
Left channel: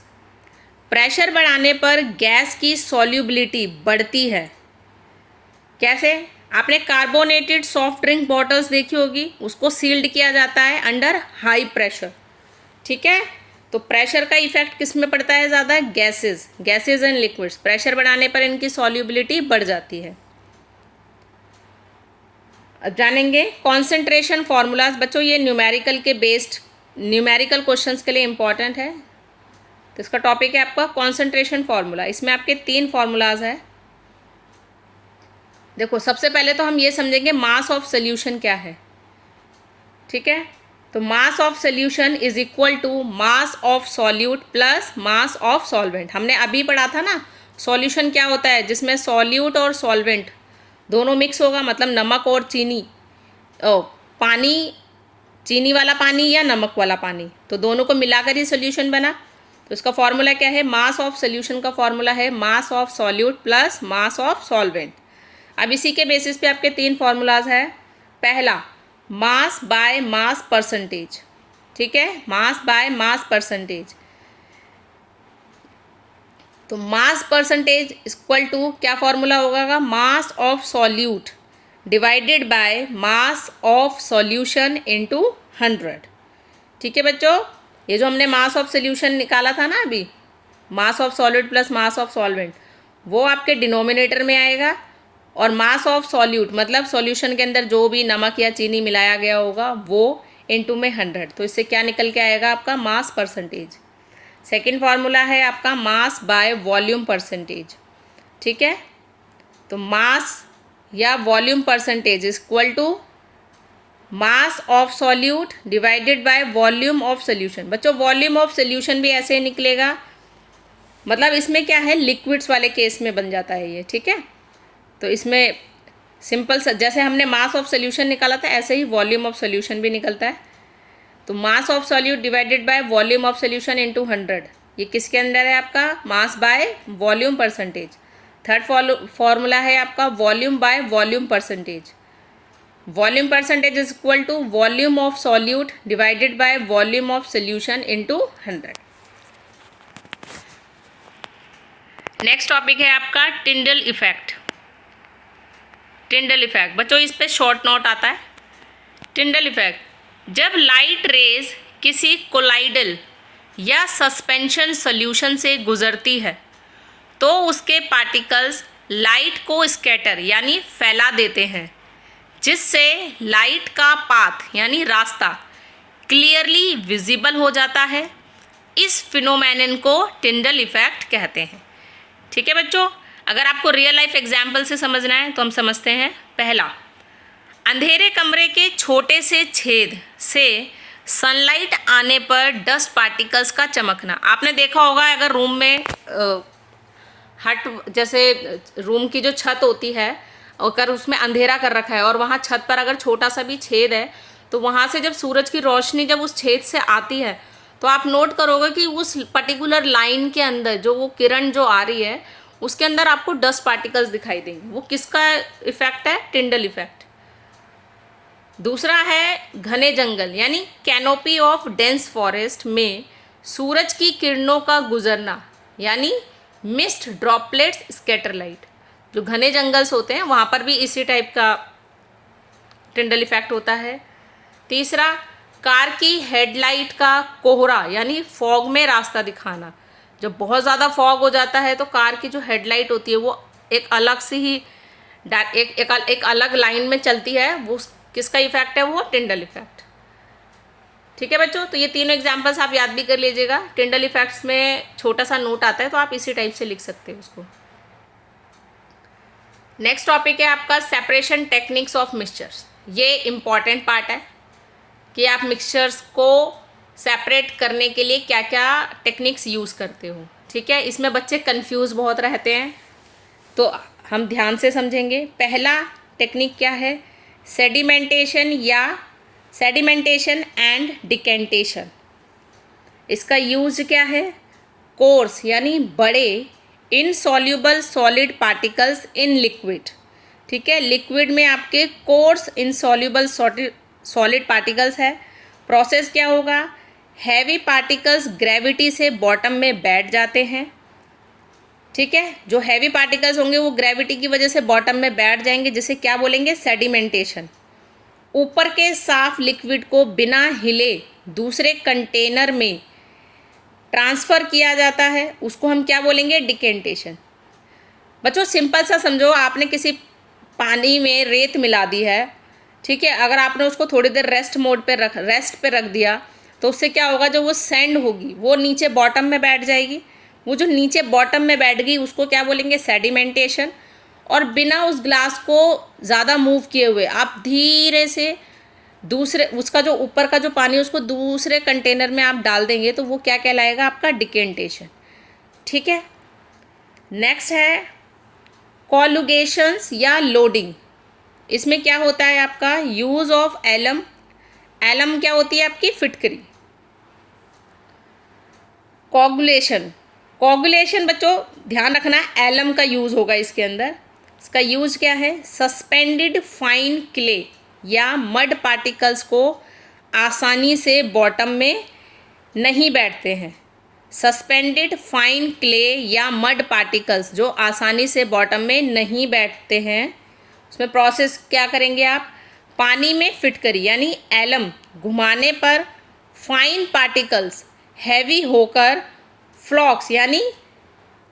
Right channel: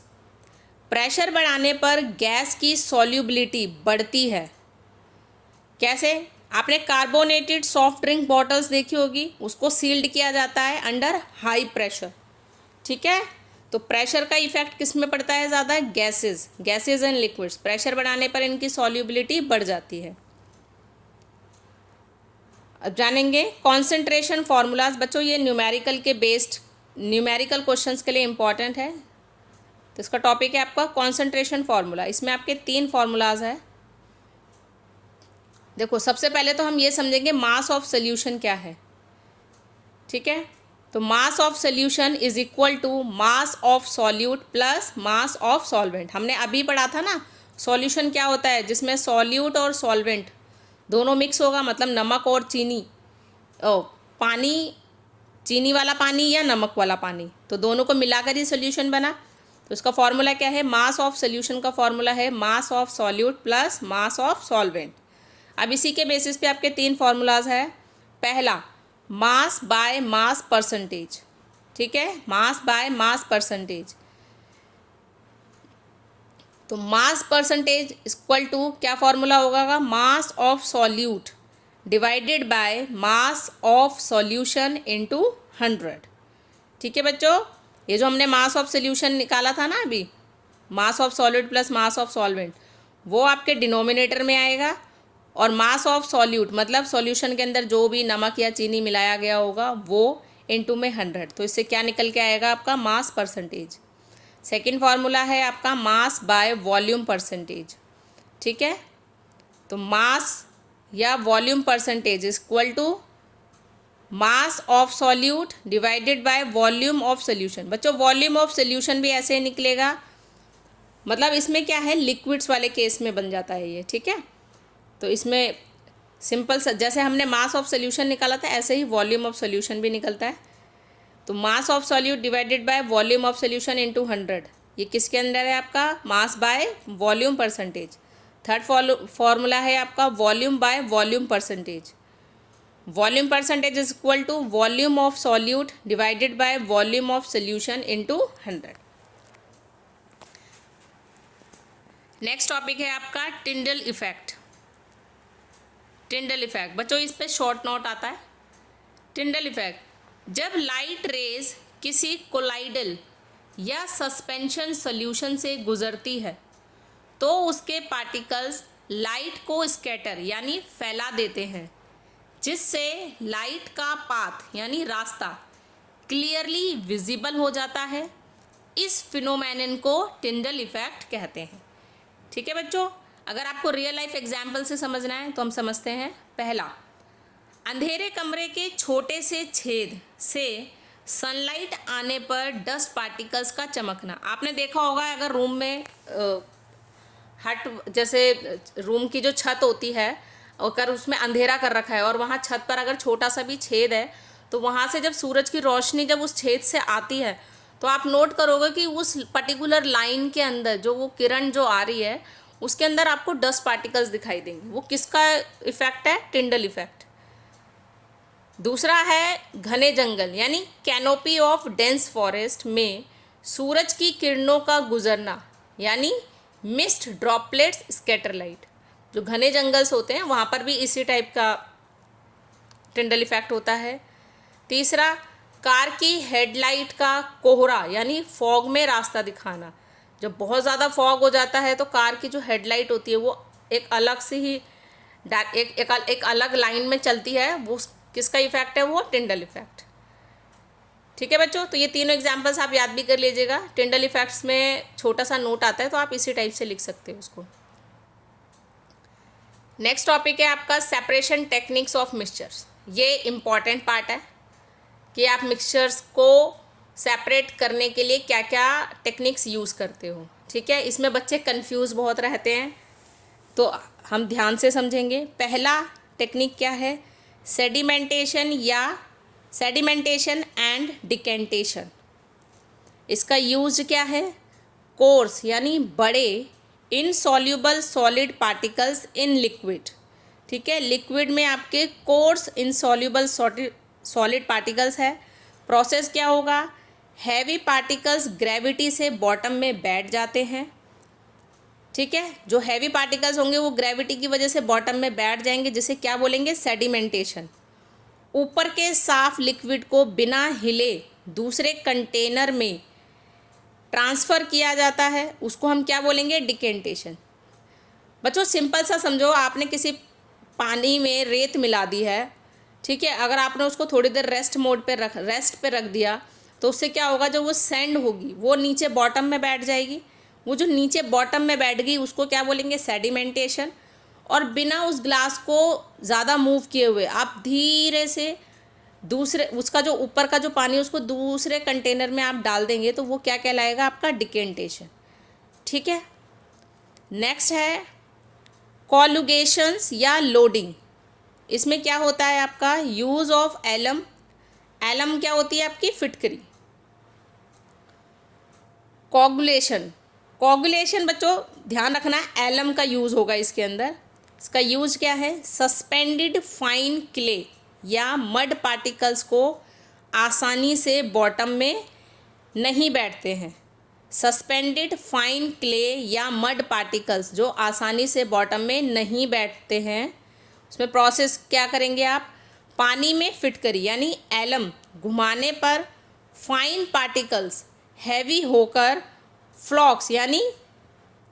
प्रेशर बढ़ाने पर गैस की सॉल्युबिलिटी बढ़ती है। कैसे, आपने कार्बोनेटेड सॉफ्ट ड्रिंक बॉटल्स देखी होगी, उसको सील्ड किया जाता है अंडर हाई प्रेशर। ठीक है, तो प्रेशर का इफेक्ट किस में पड़ता है ज़्यादा, गैसेज एंड लिक्विड्स, प्रेशर बढ़ाने पर इनकी सॉल्युबिलिटी बढ़ जाती है। अब जानेंगे कॉन्सेंट्रेशन फार्मूलाज। बच्चों ये न्यूमेरिकल के बेस्ड न्यूमेरिकल क्वेश्चंस के लिए इंपॉर्टेंट है, तो इसका टॉपिक है आपका कॉन्सेंट्रेशन फार्मूला। इसमें आपके 3 फार्मूलाज है। देखो सबसे पहले तो हम ये समझेंगे मास ऑफ सोल्यूशन क्या है। ठीक है, तो mass of solution is equal to mass of solute plus mass of solvent. हमने अभी पढ़ा था ना, सॉल्यूशन क्या होता है, जिसमें सॉल्यूट और सॉल्वेंट दोनों मिक्स होगा, मतलब नमक और चीनी, पानी, चीनी वाला पानी या नमक वाला पानी, तो दोनों को मिलाकर ही सोल्यूशन बना। तो इसका फॉर्मूला क्या है, मास ऑफ सोल्यूशन का फॉर्मूला है मास of solute plus mass of solvent. अब इसी के बेसिस पे आपके 3 फार्मूलाज है। पहला, मास बाय मास परसेंटेज। ठीक है, मास बाय मास परसेंटेज, तो मास परसेंटेज इक्वल टू क्या फॉर्मूला होगा, मास of solute divided by mass of solution into 100। ठीक है बच्चों, ये जो हमने मास ऑफ सॉल्यूशन निकाला था ना अभी, mass of solid plus mass of solvent, वो आपके डिनोमिनेटर में आएगा, और मास ऑफ सॉल्यूट मतलब सॉल्यूशन के अंदर जो भी नमक या चीनी मिलाया गया होगा वो इनटू में 100, तो इससे क्या निकल के आएगा आपका मास परसेंटेज। सेकंड फार्मूला है आपका मास बाय वॉल्यूम परसेंटेज। ठीक है, तो मास या volume percentage is equal to mass of solute divided by volume of solution. बच्चों वॉल्यूम ऑफ सोल्यूशन भी ऐसे निकलेगा, मतलब इसमें क्या है, लिक्विड्स वाले केस में बन जाता है ये। ठीक है, तो इसमें सिंपल जैसे हमने मास ऑफ सोल्यूशन निकाला था, ऐसे ही वॉल्यूम ऑफ सोल्यूशन भी निकलता है। तो mass of solute divided by volume of solution into 100, ये किसके अंदर है आपका, mass by volume percentage. Third formula है आपका volume by volume percentage. Volume percentage is equal to volume of solute divided by volume of solution into 100। Next topic है आपका टिंडल इफेक्ट। टिंडल इफेक्ट बच्चों इस पे शॉर्ट नोट आता है। टिंडल इफेक्ट, जब लाइट रेज किसी कोलाइडल या सस्पेंशन सॉल्यूशन से गुजरती है तो उसके पार्टिकल्स लाइट को स्कैटर यानी फैला देते हैं, जिससे लाइट का पाथ यानी रास्ता क्लियरली विजिबल हो जाता है। इस फिनोमेनन को टिंडल इफेक्ट कहते हैं। ठीक है बच्चों, अगर आपको रियल लाइफ एग्जाम्पल से समझना है तो हम समझते हैं। पहला, अंधेरे कमरे के छोटे से छेद से सनलाइट आने पर डस्ट पार्टिकल्स का चमकना। आपने देखा होगा अगर रूम में हट जैसे रूम की जो छत होती है अगर उसमें अंधेरा कर रखा है और वहाँ छत पर अगर छोटा सा भी छेद है तो वहाँ से जब सूरज की रोशनी जब उस छेद से आती है तो आप नोट करोगे कि उस पर्टिकुलर लाइन के अंदर जो वो किरण जो आ रही है उसके अंदर आपको डस्ट पार्टिकल्स दिखाई देंगे। वो किसका इफेक्ट है? Tyndall effect. दूसरा है घने जंगल यानी कैनोपी ऑफ डेंस फॉरेस्ट में सूरज की किरणों का गुजरना यानी मिस्ट ड्रॉपलेट्स स्कैटर लाइट। जो घने जंगल्स होते हैं वहाँ पर भी इसी टाइप का टिंडल इफेक्ट होता है। तीसरा, कार की हेडलाइट का कोहरा यानी फॉग में रास्ता दिखाना। जब बहुत ज़्यादा फॉग हो जाता है तो कार की जो हेडलाइट होती है वो एक अलग सी ही एक अलग लाइन में चलती है। वो किसका इफेक्ट है? वो टिंडल इफेक्ट। ठीक है बच्चों, तो ये तीनों एग्जाम्पल्स आप याद भी कर लीजिएगा। टिंडल इफेक्ट्स में छोटा सा नोट आता है तो आप इसी टाइप से लिख सकते हैं उसको। नेक्स्ट टॉपिक है आपका सेपरेशन टेक्निक्स ऑफ मिक्सचर्स। ये इम्पॉर्टेंट पार्ट है कि आप मिक्सचर्स को सेपरेट करने के लिए क्या क्या टेक्निक्स यूज़ करते हो। ठीक है, इसमें बच्चे कंफ्यूज बहुत रहते हैं तो हम ध्यान से समझेंगे। पहला टेक्निक क्या है? Sedimentation and decantation. इसका यूज क्या है? कोर्स यानी बड़े insoluble solid particles in liquid. ठीक है, लिक्विड में आपके कोर्स इनसॉल्यूबल सॉलिड पार्टिकल्स है। प्रोसेस क्या होगा? हैवी पार्टिकल्स ग्रेविटी से बॉटम में बैठ जाते हैं। ठीक है, जो हैवी पार्टिकल्स होंगे वो ग्रेविटी की वजह से बॉटम में बैठ जाएंगे, जिसे क्या बोलेंगे? सेडिमेंटेशन। ऊपर के साफ लिक्विड को बिना हिले दूसरे कंटेनर में ट्रांसफ़र किया जाता है, उसको हम क्या बोलेंगे? डिकेंटेशन। बच्चों सिंपल सा समझो, आपने किसी पानी में रेत मिला दी है। ठीक है, अगर आपने उसको थोड़ी देर रेस्ट पे रख दिया तो उससे क्या होगा? जो वो सैंड होगी वो नीचे बॉटम में बैठ जाएगी। वो जो नीचे बॉटम में बैठ गई उसको क्या बोलेंगे? सेडिमेंटेशन। और बिना उस ग्लास को ज़्यादा मूव किए हुए आप धीरे से दूसरे उसका जो ऊपर का जो पानी उसको दूसरे कंटेनर में आप डाल देंगे तो वो क्या कहलाएगा? आपका डिकेंटेशन। ठीक है, नेक्स्ट है कॉलुगेशंस या लोडिंग। इसमें क्या होता है आपका? Use of alum. एलम क्या होती है? आपकी फिटकरी। कोगुलेशन बच्चों ध्यान रखना, एलम का यूज़ होगा इसके अंदर। इसका यूज़ क्या है? सस्पेंडेड फाइन क्ले या मड पार्टिकल्स को आसानी से बॉटम में नहीं बैठते हैं। सस्पेंडेड फाइन क्ले या मड पार्टिकल्स जो आसानी से बॉटम में नहीं बैठते हैं, उसमें प्रोसेस क्या करेंगे आप? पानी में फिटकरी यानी एलम घुमाने पर फाइन पार्टिकल्स हैवी होकर फ्लॉक्स यानी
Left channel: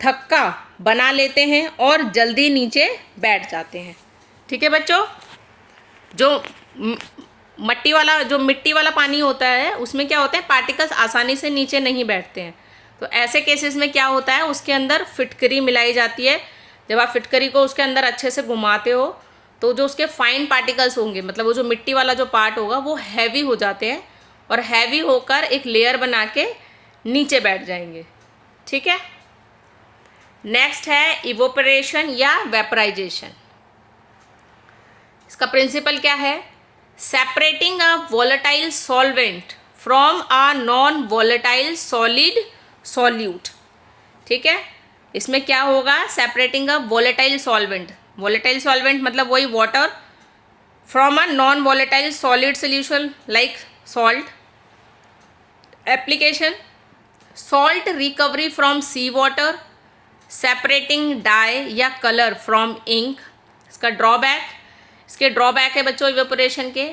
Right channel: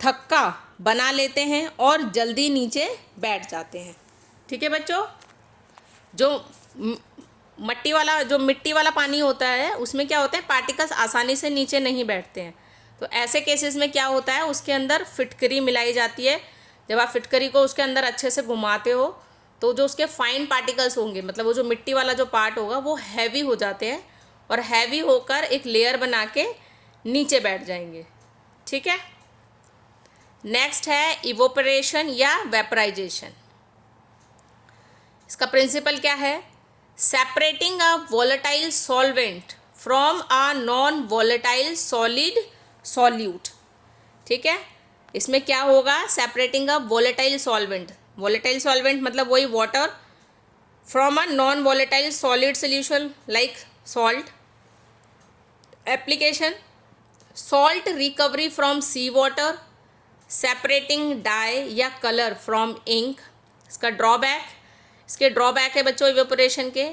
थक्का बना लेते हैं और जल्दी नीचे बैठ जाते हैं। ठीक है बच्चों, जो मिट्टी वाला पानी होता है उसमें क्या होता है? पार्टिकल्स आसानी से नीचे नहीं बैठते हैं। तो ऐसे केसेस में क्या होता है? उसके अंदर फिटकरी मिलाई जाती है। जब आप फिटकरी को उसके अंदर अच्छे से घुमाते हो तो जो उसके फाइन पार्टिकल्स होंगे, मतलब वो जो मिट्टी वाला जो पार्ट होगा वो हैवी हो जाते हैं और हैवी होकर एक लेयर बना के नीचे बैठ जाएंगे। ठीक है, नेक्स्ट है इवोपरेशन या वेपराइजेशन। इसका प्रिंसिपल क्या है? Separating a volatile solvent from a non volatile solid solute. ठीक है, इसमें क्या होगा? सेपरेटिंग अ वोलेटाइल सॉल्वेंट मतलब वही water from a non volatile solid solution like salt. Application salt recovery from sea water, separating dye या कलर फ्रॉम इंक। इसके ड्रॉबैक है बच्चों इवेपोरेशन के।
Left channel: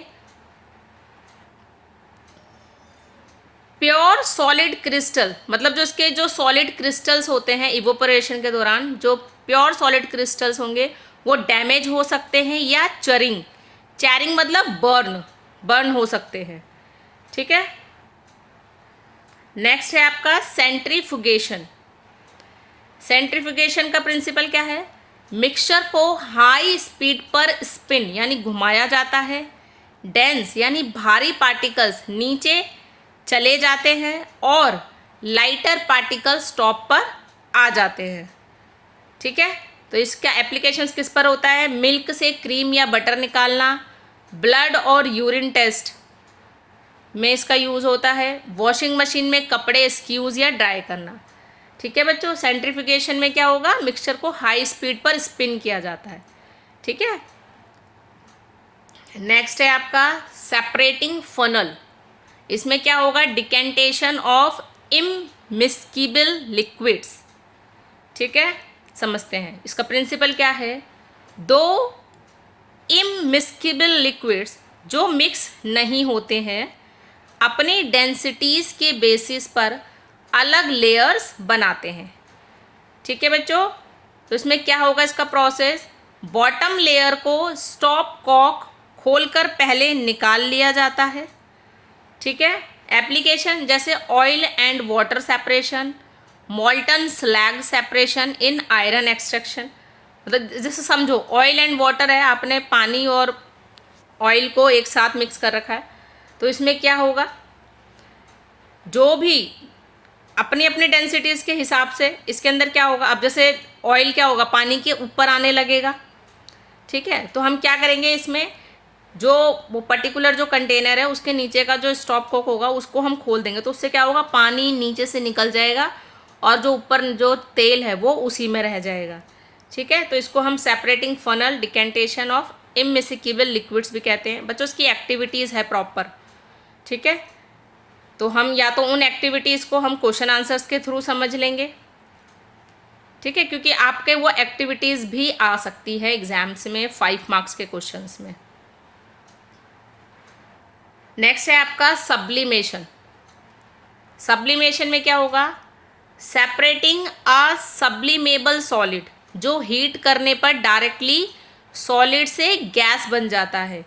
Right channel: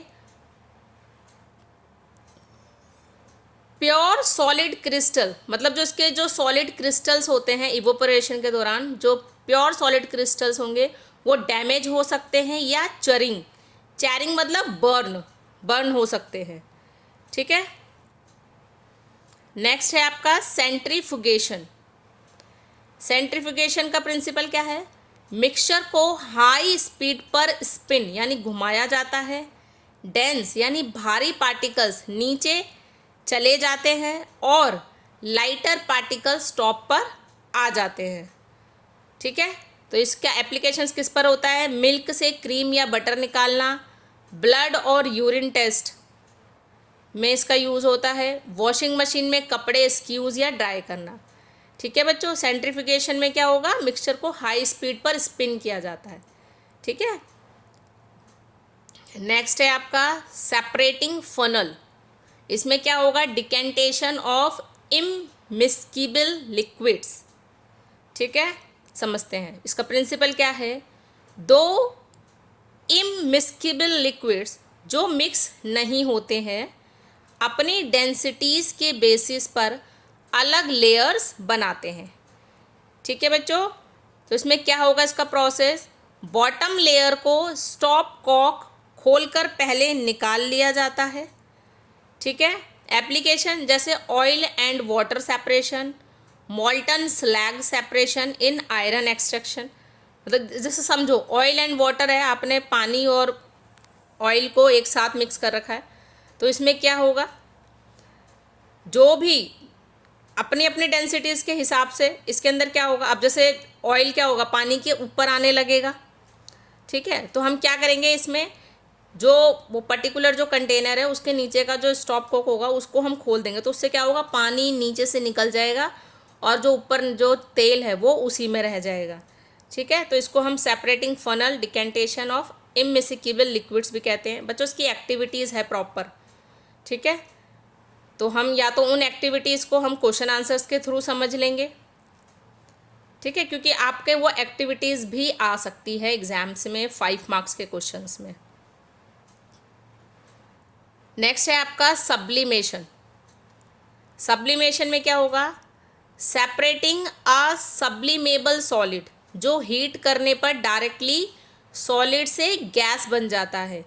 प्योर सॉलिड क्रिस्टल मतलब जो इसके जो सॉलिड क्रिस्टल्स होते हैं इवेपोरेशन के दौरान, जो प्योर सॉलिड क्रिस्टल्स होंगे वो डैमेज हो सकते हैं या चैरिंग मतलब बर्न हो सकते हैं। ठीक है, नेक्स्ट है आपका सेंट्रीफ्यूगेशन का प्रिंसिपल क्या है? मिक्सचर को हाई स्पीड पर स्पिन यानी घुमाया जाता है। डेंस यानी भारी पार्टिकल्स नीचे चले जाते हैं और लाइटर पार्टिकल्स टॉप पर आ जाते हैं। ठीक है, तो इसका एप्लीकेशंस किस पर होता है? मिल्क से क्रीम या बटर निकालना, ब्लड और यूरिन टेस्ट में इसका यूज़ होता है, वॉशिंग मशीन में कपड़े स्क्यूज़ या ड्राई करना। ठीक है बच्चों, सेंट्रीफिकेशन में क्या होगा? मिक्सचर को हाई स्पीड पर स्पिन किया जाता है। ठीक है, नेक्स्ट है आपका सेपरेटिंग फनल। इसमें क्या होगा? Decantation of immiscible liquids. ठीक है, समझते हैं इसका प्रिंसिपल क्या है। दो इममिस्किबल लिक्विड्स जो मिक्स नहीं होते हैं अपनी डेंसिटीज़ के बेसिस पर अलग लेयर्स बनाते हैं। ठीक है बच्चों, तो इसमें क्या होगा इसका प्रोसेस? बॉटम लेयर को स्टॉप कॉक खोलकर पहले निकाल लिया जाता है। ठीक है, एप्लीकेशन जैसे oil and water separation, molten slag separation in iron extraction. मतलब जैसे समझो ऑयल एंड वाटर है, आपने पानी और ऑयल को एक साथ मिक्स कर रखा है, तो इसमें क्या होगा? जो भी अपनी अपनी डेंसिटीज़ के हिसाब से इसके अंदर क्या होगा? अब जैसे ऑयल क्या होगा? पानी के ऊपर आने लगेगा। ठीक है, तो हम क्या करेंगे इसमें, जो वो पर्टिकुलर जो कंटेनर है उसके नीचे का जो स्टॉप कॉक होगा उसको हम खोल देंगे, तो उससे क्या होगा? पानी नीचे से निकल जाएगा और जो ऊपर जो तेल है वो उसी में रह जाएगा। ठीक है, तो इसको हम separating funnel, decantation of immiscible liquids भी कहते हैं। बच्चों इसकी एक्टिविटीज़ है प्रॉपर। ठीक है, तो हम या तो उन एक्टिविटीज़ को हम क्वेश्चन आंसर्स के थ्रू समझ लेंगे। ठीक है, क्योंकि आपके वो एक्टिविटीज़ भी आ सकती है एग्जाम्स में 5 मार्क्स के क्वेश्चंस में। नेक्स्ट है आपका सब्लिमेशन। सब्लिमेशन में क्या होगा? सेपरेटिंग अ सब्लिमेबल सॉलिड जो हीट करने पर डायरेक्टली सॉलिड से गैस बन जाता है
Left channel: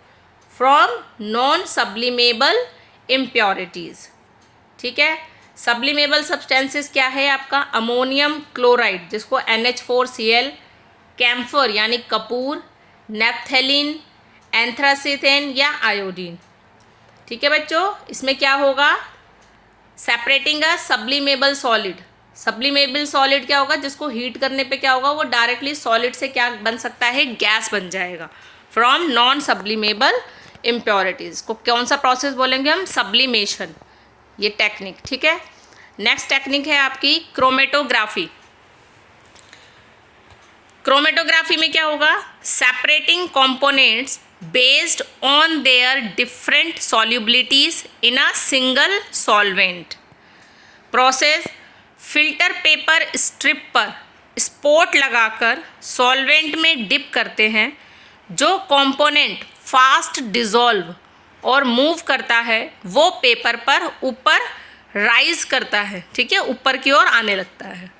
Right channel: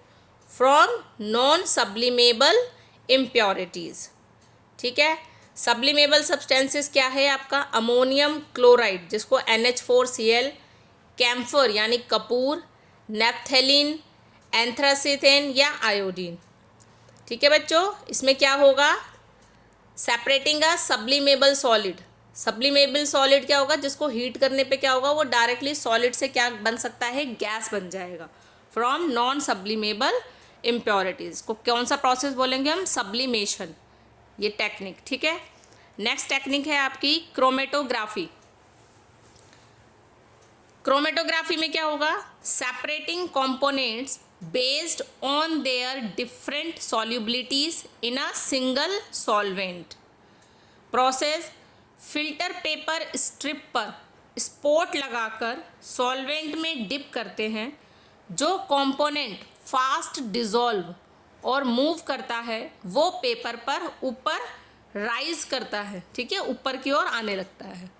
फ्रॉम नॉन सब्लिमेबल इम्प्योरिटीज़। ठीक है, सब्लिमेबल सब्सटेंसेस क्या है आपका? अमोनियम क्लोराइड जिसको NH4Cl, कैम्फर यानी कपूर, नेप्थेलिन, एंथ्रासिथेन या आयोडीन। ठीक है बच्चों, इसमें क्या होगा? सेपरेटिंग अ सब्लिमेबल सॉलिड। सब्लिमेबल सॉलिड क्या होगा? जिसको हीट करने पे क्या होगा? वो डायरेक्टली सॉलिड से क्या बन सकता है? गैस बन जाएगा फ्रॉम नॉन सब्लिमेबल इम्प्योरिटीज़ को कौन सा प्रोसेस बोलेंगे हम? सब्लिमेशन, ये टेक्निक। ठीक है, नेक्स्ट टेक्निक है आपकी क्रोमेटोग्राफी। क्रोमेटोग्राफी में क्या होगा? Separating components based on their different solubilities in a single solvent. Process filter paper strip पर स्पॉट लगाकर सॉल्वेंट में डिप करते हैं। जो कंपोनेंट फास्ट डिज़ोल्व और मूव करता है वो पेपर पर ऊपर राइज करता है। ठीक है, ऊपर की ओर आने लगता है।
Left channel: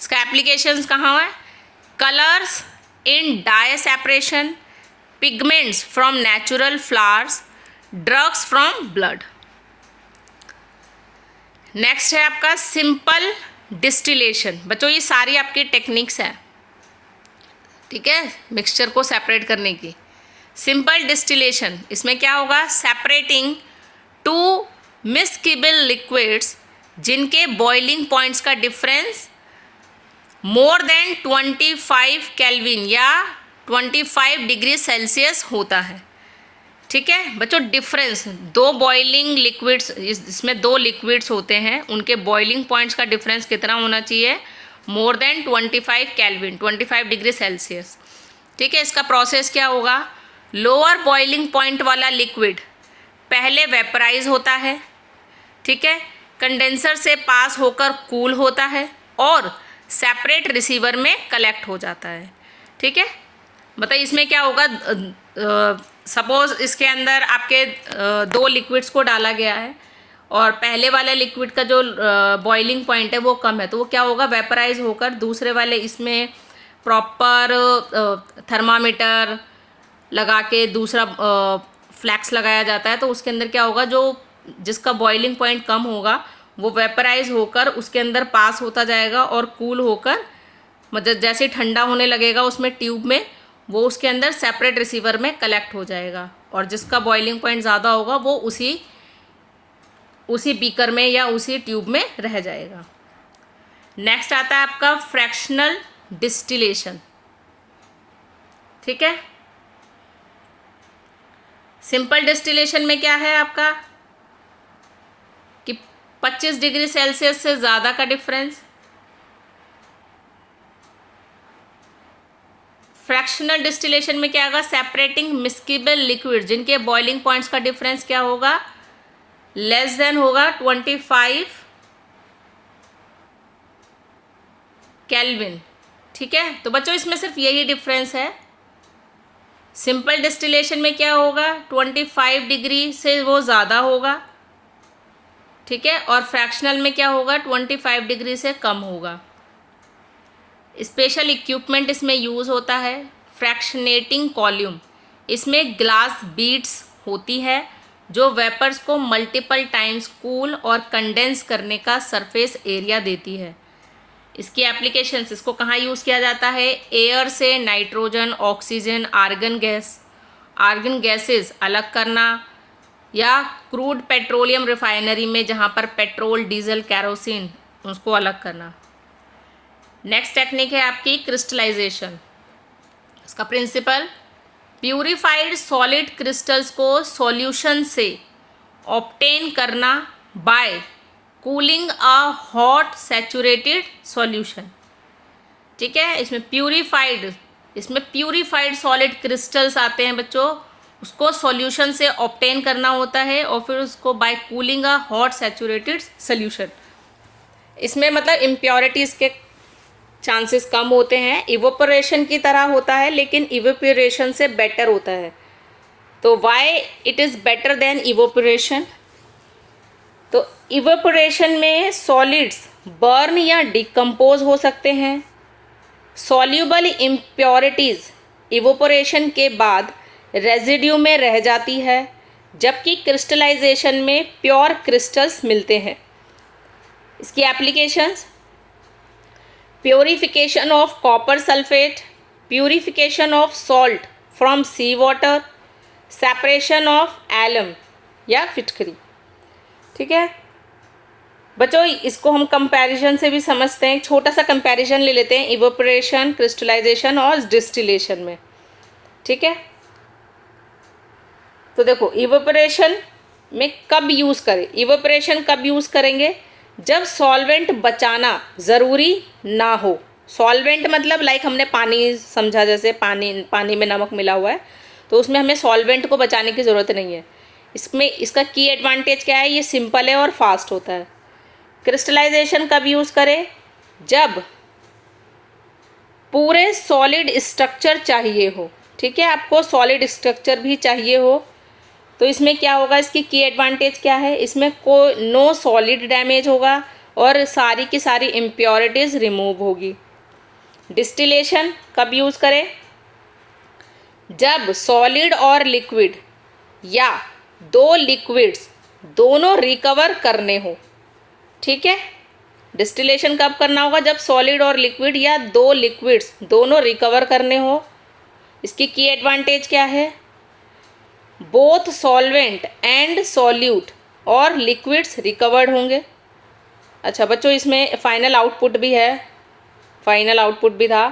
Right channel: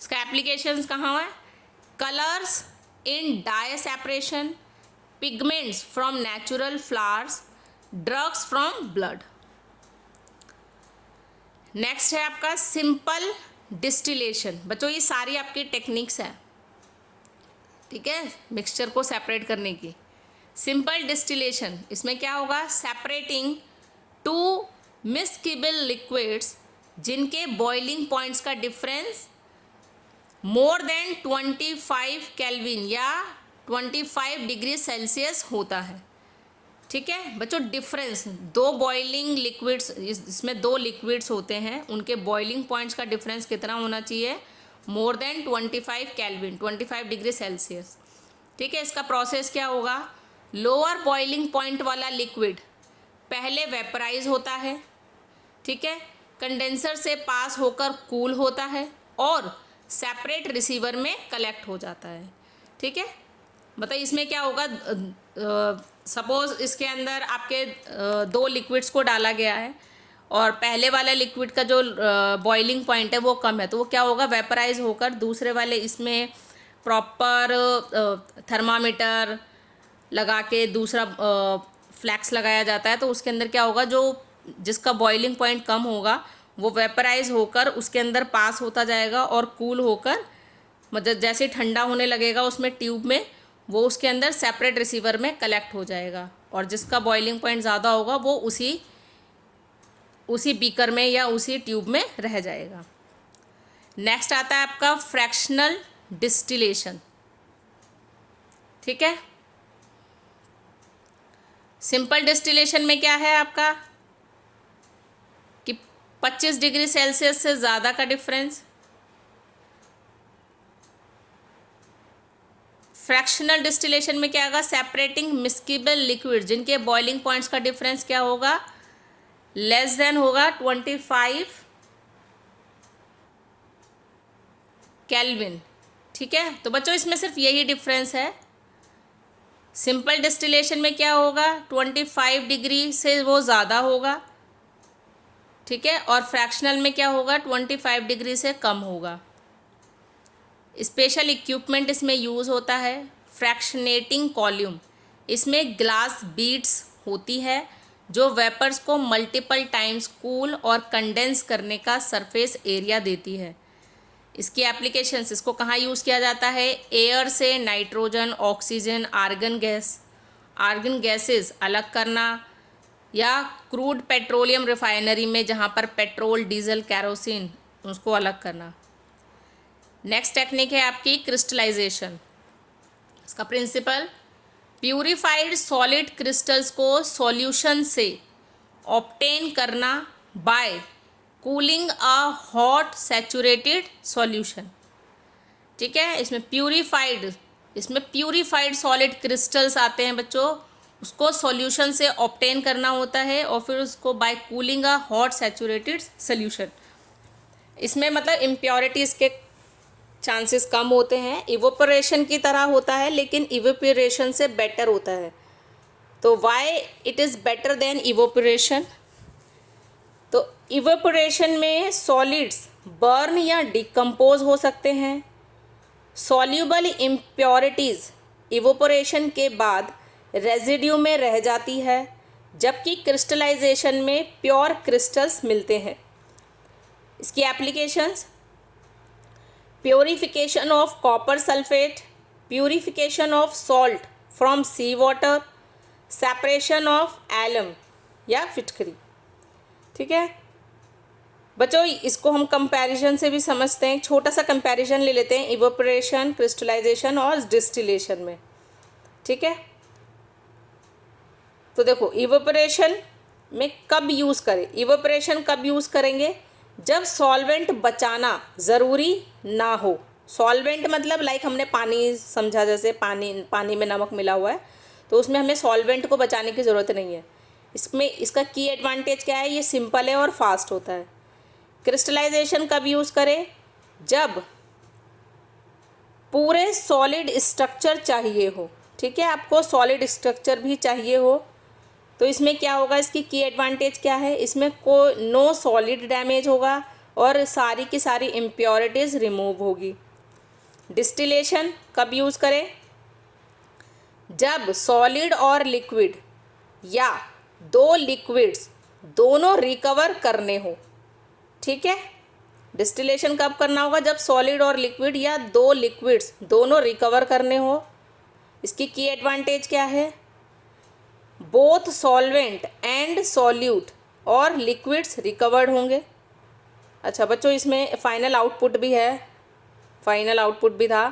इसका एप्लीकेशंस कहाँ है? Colours in dye separation, pigments from natural flowers, drugs from blood. Next है आपका सिंपल डिस्टिलेशन। बच्चों ये सारी आपकी टेक्निक्स हैं। ठीक है, मिक्सचर को सेपरेट करने की। सिंपल डिस्टिलेशन, इसमें क्या होगा? सेपरेटिंग टू मिस्किबल लिक्विड्स जिनके बॉइलिंग पॉइंट्स का डिफरेंस मोर देन 25 केल्विन या 25 डिग्री सेल्सियस होता है। ठीक है बच्चों, डिफरेंस दो बॉइलिंग लिक्विड्स, इसमें दो लिक्विड्स होते हैं, उनके बॉइलिंग पॉइंट्स का डिफरेंस कितना होना चाहिए? More than 25 kelvin, 25 degree Celsius. ठीक है, इसका प्रोसेस क्या होगा? लोअर बॉइलिंग पॉइंट वाला लिक्विड पहले वेपराइज होता है। ठीक है, कंडेंसर से पास होकर कूल होता है और सेपरेट रिसीवर में कलेक्ट हो जाता है। ठीक है, बताइए इसमें क्या होगा? सपोज़ इसके अंदर आपके दो लिक्विड्स को डाला गया है और पहले वाले लिक्विड का जो बॉइलिंग पॉइंट है वो कम है, तो वो क्या होगा? वेपराइज होकर दूसरे वाले, इसमें प्रॉपर थर्मामीटर लगा के दूसरा फ्लैक्स लगाया जाता है, तो उसके अंदर क्या होगा? जो जिसका बॉइलिंग पॉइंट कम होगा वो वेपराइज होकर उसके अंदर पास होता जाएगा और कूल होकर मतलब जैसे ठंडा होने लगेगा उसमें ट्यूब में, वो उसके अंदर सेपरेट रिसीवर में कलेक्ट हो जाएगा, और जिसका बॉइलिंग पॉइंट ज़्यादा होगा वो उसी बीकर में या उसी ट्यूब में रह जाएगा। नेक्स्ट आता है आपका फ्रैक्शनल डिस्टिलेशन। ठीक है, सिंपल डिस्टिलेशन में क्या है आपका कि 25 डिग्री सेल्सियस से ज़्यादा का डिफरेंस। फ्रैक्शनल डिस्टिलेशन में क्या होगा, सेपरेटिंग मिस्केबल लिक्विड जिनके बॉइलिंग पॉइंट्स का डिफरेंस क्या होगा, लेस देन होगा 25 केल्विन। ठीक है, तो बच्चों इसमें सिर्फ यही डिफरेंस है। सिंपल डिस्टिलेशन में क्या होगा, 25 डिग्री से वो ज़्यादा होगा। ठीक है, और फ्रैक्शनल में क्या होगा, 25 डिग्री से कम होगा। स्पेशल इक्विपमेंट इसमें यूज़ होता है, फ्रैक्शनेटिंग कॉल्यूम। इसमें ग्लास बीड्स होती है जो वेपर्स को मल्टीपल टाइम्स कूल और कंडेंस करने का सरफेस एरिया देती है। इसकी एप्लीकेशंस, इसको कहाँ यूज़ किया जाता है, एयर से नाइट्रोजन, ऑक्सीजन, आर्गन गैसेस अलग करना, या क्रूड पेट्रोलियम रिफाइनरी में जहाँ पर पेट्रोल, डीजल, कैरोसिन उसको अलग करना। नेक्स्ट टेक्निक है आपकी क्रिस्टलाइजेशन। इसका प्रिंसिपल, प्यूरिफाइड सॉलिड क्रिस्टल्स को सॉल्यूशन से ऑब्टेन करना by cooling a hot saturated solution. ठीक है, इसमें प्यूरिफाइड सॉलिड क्रिस्टल्स आते हैं बच्चों, उसको सॉल्यूशन से ऑब्टेन करना होता है और फिर उसको by cooling a hot saturated solution. इसमें मतलब इम्प्योरिटीज़ के चांसेस कम होते हैं, इवोपोरेशन की तरह होता है लेकिन इवोपोरेशन से बेटर होता है। तो why it is better than evaporation, तो इवोपोरेशन में सॉलिड्स बर्न या डिकम्पोज हो सकते हैं। सॉल्यूबल इम्प्योरिटीज़ इवोपोरेशन के बाद रेजिड्यू में रह जाती है, जबकि क्रिस्टलाइजेशन में प्योर क्रिस्टल्स मिलते हैं। इसकी applications, purification of copper sulphate, purification of salt from sea water, separation of alum या फिटकरी। ठीक है बच्चों, इसको हम कंपैरिजन से भी समझते हैं। एक छोटा सा कंपैरिजन ले लेते हैं इवोपोरेशन, क्रिस्टलाइजेशन और डिस्टिलेशन में। ठीक है, तो देखो इवोपोरेशन में कब यूज़ करें, इवोपोरेशन कब यूज़ करेंगे, जब सॉल्वेंट बचाना ज़रूरी ना हो। सॉल्वेंट मतलब लाइक हमने पानी समझा, जैसे पानी में नमक मिला हुआ है तो उसमें हमें सॉल्वेंट को बचाने की ज़रूरत नहीं है। इसमें इसका की एडवांटेज क्या है, ये सिंपल है और फास्ट होता है। क्रिस्टलाइजेशन कब यूज़ करें, जब पूरे सॉलिड स्ट्रक्चर चाहिए हो। ठीक है, आपको सॉलिड स्ट्रक्चर भी चाहिए हो तो इसमें क्या होगा, इसकी की एडवांटेज क्या है, इसमें कोई नो सॉलिड डैमेज होगा और सारी की सारी इम्प्योरिटीज़ रिमूव होगी। डिस्टिलेशन कब यूज़ करें, जब सॉलिड और लिक्विड या दो लिक्विड्स दोनों रिकवर करने हो। ठीक है, डिस्टिलेशन कब करना होगा, जब सॉलिड और लिक्विड या दो लिक्विड्स दोनों रिकवर करने हो। इसकी की एडवांटेज क्या है, बोथ सॉल्वेंट एंड सॉल्यूट और लिक्विड्स रिकवर्ड होंगे। अच्छा बच्चों, इसमें फाइनल आउटपुट भी है, फाइनल आउटपुट भी था।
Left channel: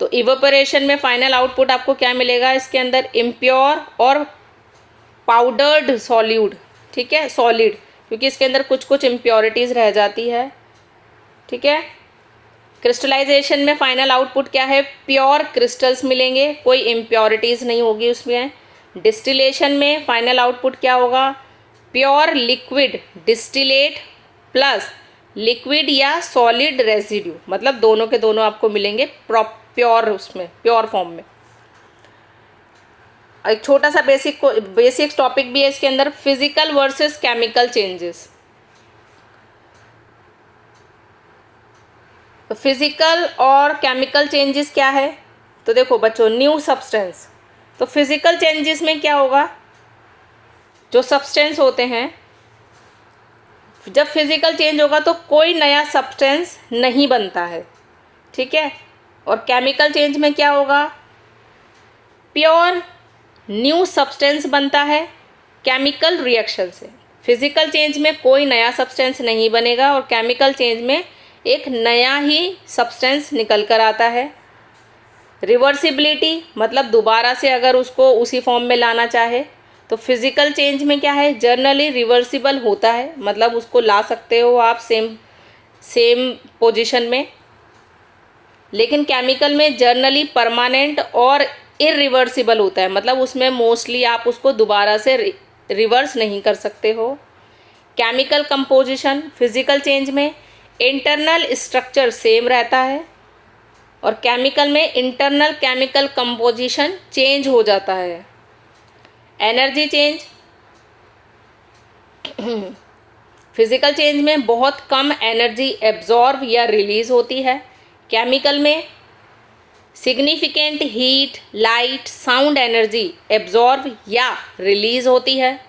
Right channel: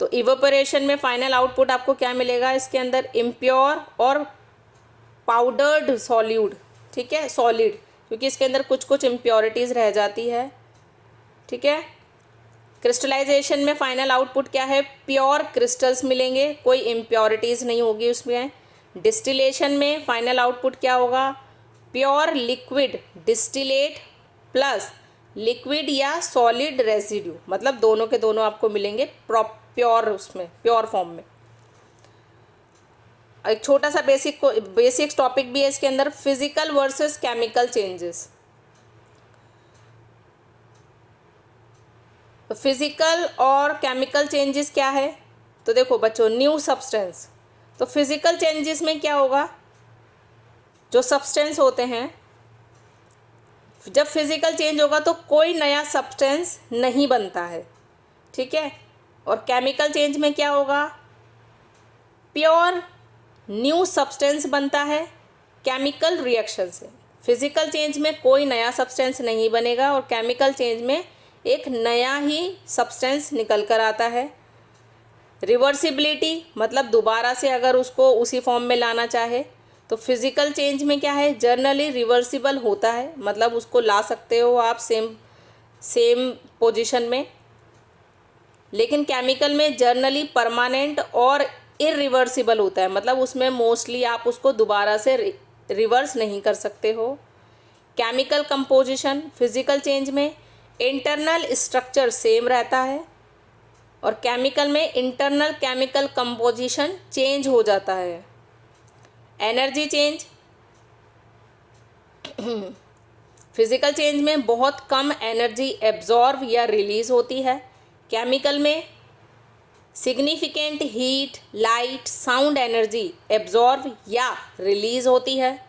तो इवेपोरेशन में फाइनल आउटपुट आपको क्या मिलेगा, इसके अंदर इम्प्योर और पाउडर्ड सॉल्यूड। ठीक है, सॉलिड, क्योंकि इसके अंदर कुछ कुछ इम्प्योरिटीज़ रह जाती है। ठीक है, क्रिस्टलाइजेशन में फाइनल आउटपुट क्या है, प्योर क्रिस्टल्स मिलेंगे, कोई इम्प्योरिटीज़ नहीं होगी उसमें। डिस्टिलेशन में फाइनल आउटपुट क्या होगा, pure liquid distillate plus liquid या सॉलिड रेजिड्यू, मतलब दोनों के दोनों आपको मिलेंगे प्योर, उसमें प्योर फॉर्म में। एक छोटा सा बेसिक टॉपिक भी है इसके अंदर, फिजिकल वर्सेस केमिकल चेंजेस। तो फिजिकल और केमिकल चेंजेस क्या है, तो देखो बच्चों, न्यू सब्सटेंस। तो फिजिकल चेंजेस में क्या होगा, जो सब्सटेंस होते हैं, जब फिजिकल चेंज होगा तो कोई नया सब्सटेंस नहीं बनता है। ठीक है। और केमिकल चेंज में क्या होगा, प्योर न्यू सब्सटेंस बनता है केमिकल रिएक्शन से। फिजिकल चेंज में कोई नया सब्सटेंस नहीं बनेगा और केमिकल चेंज में एक नया ही सब्सटेंस निकल कर आता है। रिवर्सिबिलिटी मतलब दोबारा से अगर उसको उसी फॉर्म में लाना चाहे तो फिजिकल चेंज में क्या है, जनरली रिवर्सिबल होता है, मतलब उसको ला सकते हो आप सेम पोजीशन में। लेकिन केमिकल में जर्नली परमानेंट और इरिवर्सिबल होता है, मतलब उसमें मोस्टली आप उसको दोबारा से रिवर्स नहीं कर सकते हो। केमिकल कंपोजिशन फिजिकल चेंज में इंटरनल स्ट्रक्चर सेम रहता है और केमिकल में इंटरनल केमिकल कंपोजिशन चेंज हो जाता है। एनर्जी चेंज फिजिकल चेंज में बहुत कम एनर्जी एब्जॉर्ब या रिलीज होती है। केमिकल में significant heat, light, sound energy absorb या रिलीज होती है।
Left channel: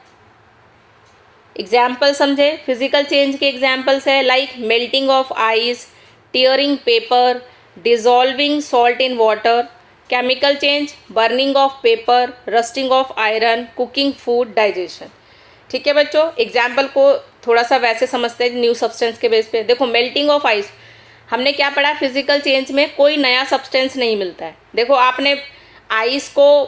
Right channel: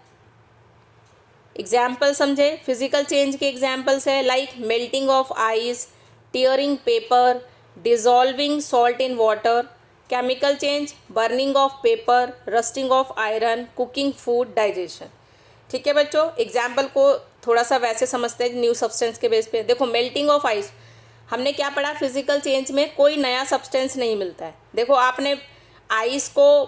एग्जाम्पल समझे, फिजिकल चेंज के एग्जाम्पल्स है like melting of ice, tearing paper, dissolving salt in water. Chemical change burning of paper, rusting of iron, cooking food, digestion. ठीक है बच्चों, एग्जाम्पल को थोड़ा सा वैसे समझते हैं न्यू सब्सटेंस के बेस पे। देखो मेल्टिंग ऑफ आइस, हमने क्या पढ़ा, फिजिकल चेंज में कोई नया सब्सटेंस नहीं मिलता है। देखो आपने आइस को,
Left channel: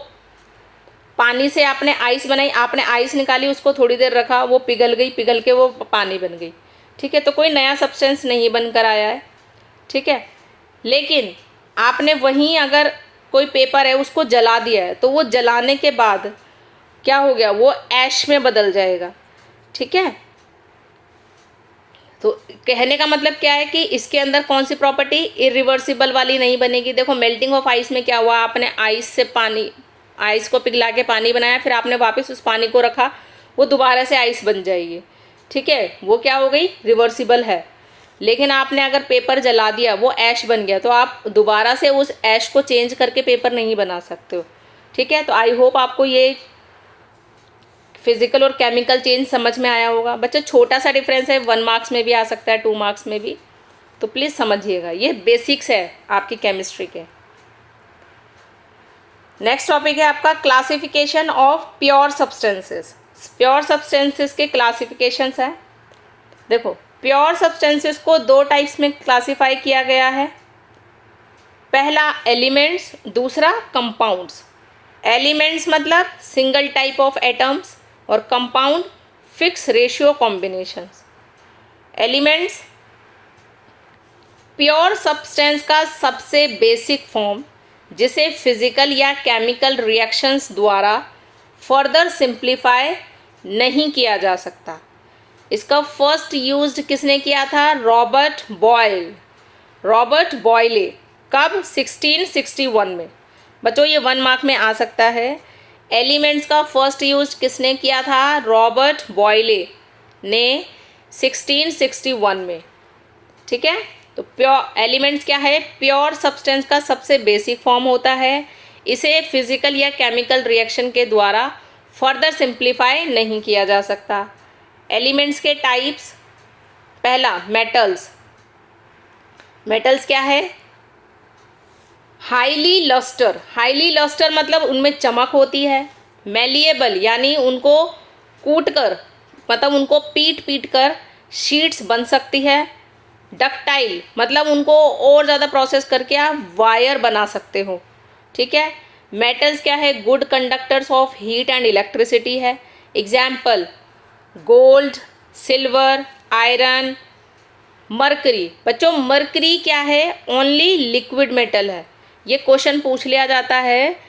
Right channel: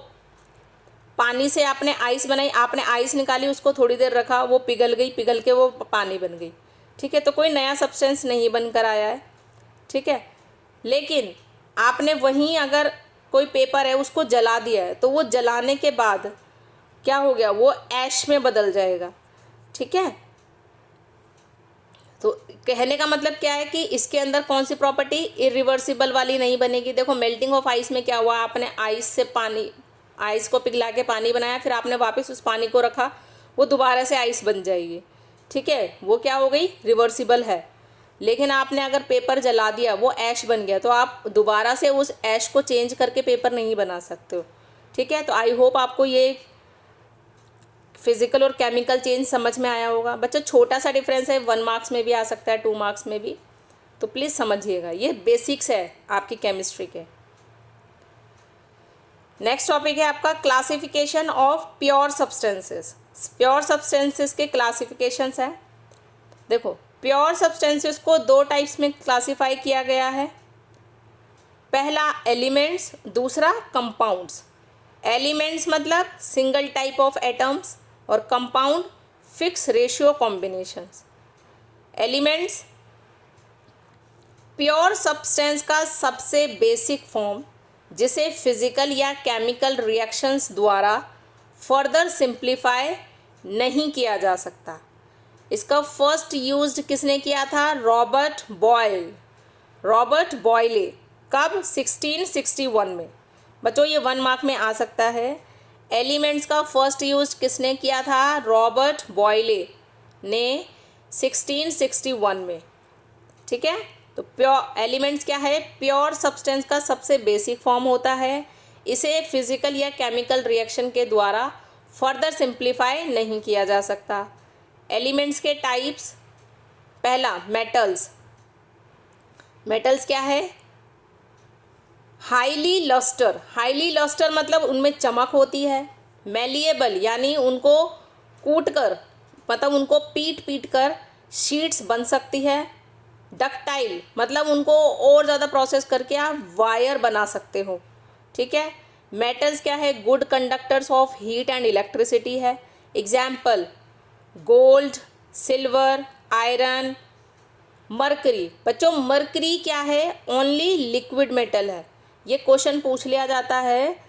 पानी से आपने आइस बनाई, आपने आइस निकाली, उसको थोड़ी देर रखा, वो पिघल गई, पिघल के वो पानी बन गई। ठीक है, तो कोई नया सब्सटेंस नहीं बनकर आया है। ठीक है, लेकिन आपने वहीं अगर कोई पेपर है उसको जला दिया है तो वो जलाने के बाद क्या हो गया, वो ऐश में बदल जाएगा। ठीक है, तो कहने का मतलब क्या है कि इसके अंदर कौन सी प्रॉपर्टी, इरिवर्सिबल वाली नहीं बनेगी। देखो मेल्टिंग ऑफ आइस में क्या हुआ, आपने आइस को पिघला के पानी बनाया, फिर आपने वापस उस पानी को रखा, वो दोबारा से आइस बन जाएगी। ठीक है, वो क्या हो गई, रिवर्सिबल है। लेकिन आपने अगर पेपर जला दिया, वो ऐश बन गया, तो आप दोबारा से उस ऐश को चेंज करके पेपर नहीं बना सकते हो। ठीक है, तो आई होप आपको ये फिजिकल और केमिकल चेंज समझ में आया होगा। बच्चों छोटा सा डिफरेंस है, 1 मार्क्स में भी आ सकता है, 2 मार्क्स में भी, तो प्लीज़ समझिएगा, ये बेसिक्स है आपकी केमिस्ट्री के। नेक्स्ट टॉपिक है आपका classification of pure substances. Pure substances के क्लासिफिकेशंस हैं। देखो प्योर सब्सटेंसेस को 2 टाइप्स में क्लासिफाई किया गया है। पहला एलिमेंट्स, दूसरा कंपाउंड्स। एलिमेंट्स मतलब सिंगल टाइप ऑफ एटम्स और compound fix ratio combinations. Elements pure substance का सबसे बेसिक फॉर्म, जिसे फिजिकल या केमिकल रिएक्शंस द्वारा फर्दर सिंप्लीफाई नहीं किया जा सकता। इसका फर्स्ट यूज्ड किसने किया था, रॉबर्ट बॉयले। कब, 1661 में। बच्चों ये 1 मार्क में आ सकता है। एलिमेंट्स का फर्स्ट यूज किसने किया था, रॉबर्ट बॉयले ने 1661 में। ठीक है, तो प्योर एलिमेंट्स क्या है, प्योर सब्सटेंस का सबसे बेसिक फॉर्म होता है। इसे फिजिकल या केमिकल रिएक्शन के द्वारा फर्दर सिंप्लीफाई नहीं किया जा सकता। एलिमेंट्स के टाइप्स, पहला मेटल्स। मेटल्स क्या है, हाईली लस्टर मतलब उनमें चमक होती है। मैलिएबल यानी उनको कूट कर, मतलब उनको पीट कर शीट्स बन सकती है। डक्टाइल मतलब उनको और ज़्यादा प्रोसेस करके आप वायर बना सकते हो। ठीक है, मेटल्स क्या है, good conductors of heat and electricity है। Example gold, silver, iron, mercury. बच्चों मरकरी क्या है, ओनली लिक्विड मेटल है। ये क्वेश्चन पूछ लिया जाता है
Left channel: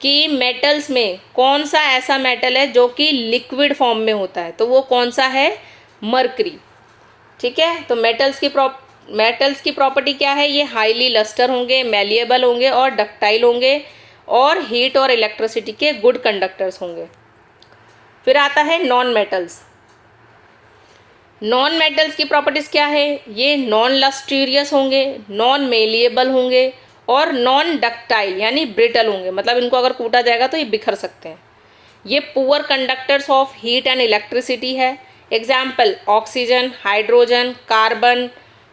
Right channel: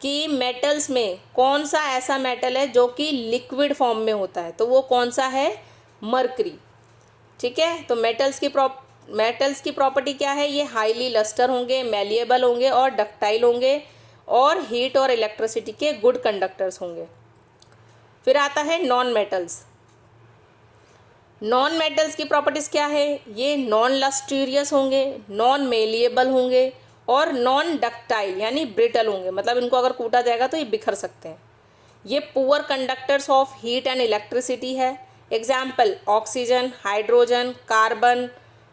कि मेटल्स में कौन सा ऐसा मेटल है जो कि लिक्विड फॉर्म में होता है, तो वो कौन सा है, मरकरी। ठीक है, तो मेटल्स की प्रॉपर्टी क्या है, ये हाईली लस्टर होंगे, मैलिएबल होंगे और डक्टाइल होंगे और हीट और इलेक्ट्रिसिटी के गुड कंडक्टर्स होंगे। फिर आता है नॉन मेटल्स। नॉन मेटल्स की प्रॉपर्टीज़ क्या है, ये नॉन लस्टीरियस होंगे, नॉन मेलिएबल होंगे और नॉन डक्टाइल यानी ब्रिटल होंगे, मतलब इनको अगर कूटा जाएगा तो ये बिखर सकते हैं। ये poor conductors of heat and electricity है। Example oxygen, hydrogen, carbon,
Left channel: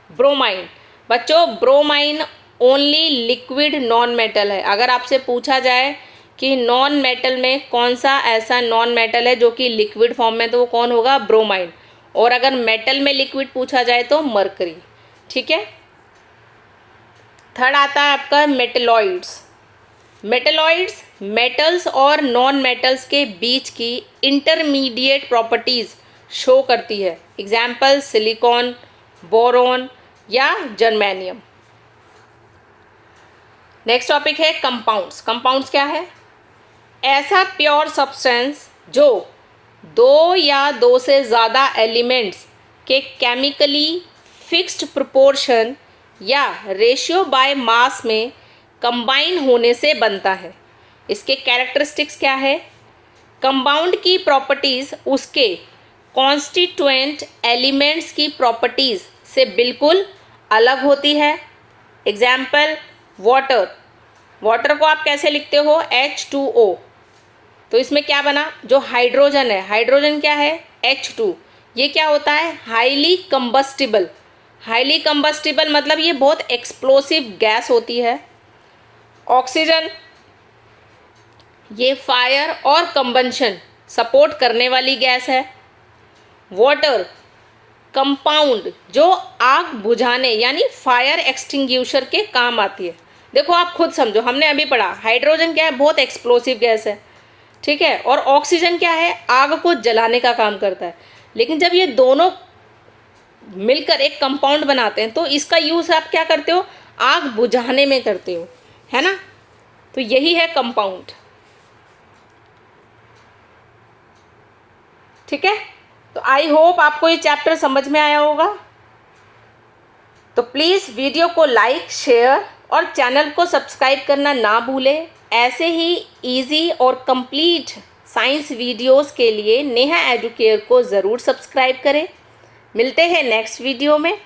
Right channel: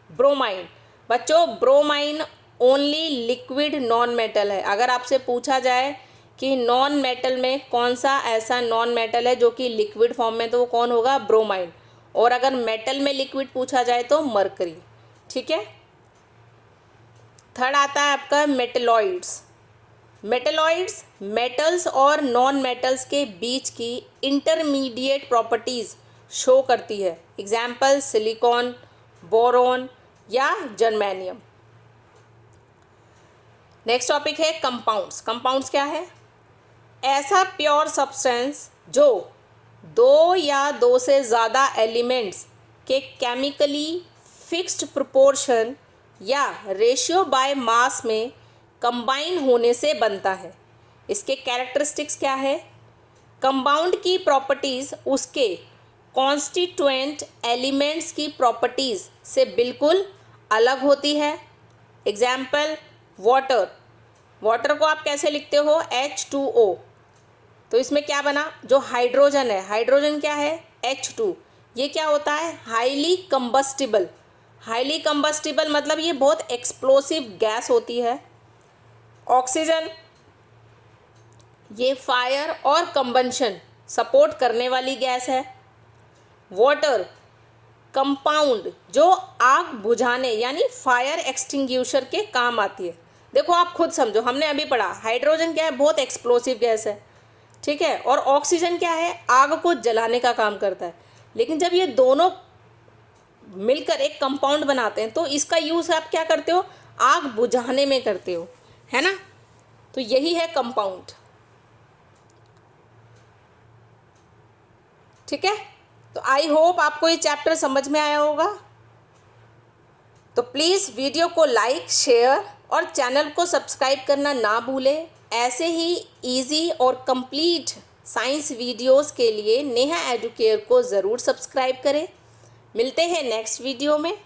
bromine. बच्चों bromine only liquid non metal है। अगर आपसे पूछा जाए कि नॉन मेटल में कौन सा ऐसा नॉन मेटल है जो कि लिक्विड फॉर्म में, तो वो कौन होगा? ब्रोमाइड। और अगर मेटल में लिक्विड पूछा जाए तो मरकरी। ठीक है। थर्ड आता है आपका मेटलॉइड्स। मेटलॉइड्स मेटल्स और नॉन मेटल्स के बीच की इंटरमीडिएट प्रॉपर्टीज़ शो करती है। एग्जाम्पल सिलिकॉन, बोरॉन या जर्मेनियम। नेक्स्ट टॉपिक है कंपाउंड्स। कंपाउंड्स क्या है? ऐसा प्योर सब्सटेंस जो दो या दो से ज़्यादा एलिमेंट्स के केमिकली फिक्स्ड प्रोपोर्शन या रेशियो बाय मास में कंबाइन होने से बनता है। इसके कैरेक्टरिस्टिक्स क्या है? कंपाउंड की प्रॉपर्टीज़ उसके कॉन्स्टिट्यूएंट एलिमेंट्स की प्रॉपर्टीज़ से बिल्कुल अलग होती है। Example water. वाटर को आप कैसे लिखते हो? H2O। तो इसमें क्या बना? जो हाइड्रोजन है, हाइड्रोजन क्या है? H2। ये क्या होता है? Highly combustible. हाईली कंबस्टिबल मतलब ये बहुत एक्सप्लोसिव गैस होती है। ऑक्सीजन, ये फायर और कंबंशन सपोर्ट करने वाली गैस है। वाटर, कंपाउंड जो आग बुझाने यानी फायर एक्सटिंग्विशर के काम आती है। देखो आप खुद समझो, हमने अभी पढ़ा हाइड्रोजन क्या है? बहुत एक्सप्लोसिव गैस है। ठीक है। और ऑक्सीजन क्या है? आग को जलाने का काम करता है। लेकिन जब ये दोनों मिलकर एक कंपाउंड बनाते हैं तो इसका यूज़ आप क्या करते हो? आग बुझाने में करते हो, है ना। तो यही है कंपाउंड। ठीक है। तो आई होप आपको ये चैप्टर समझ में आया होगा। तो प्लीज़ वीडियो को लाइक, शेयर और चैनल को सब्सक्राइब करना ना भूलें। ऐसे ही इजी और कंप्लीट साइंस वीडियोस के लिए नेहा एडुकेयर को ज़रूर सब्सक्राइब करें। मिलते हैं नेक्स्ट वीडियो में।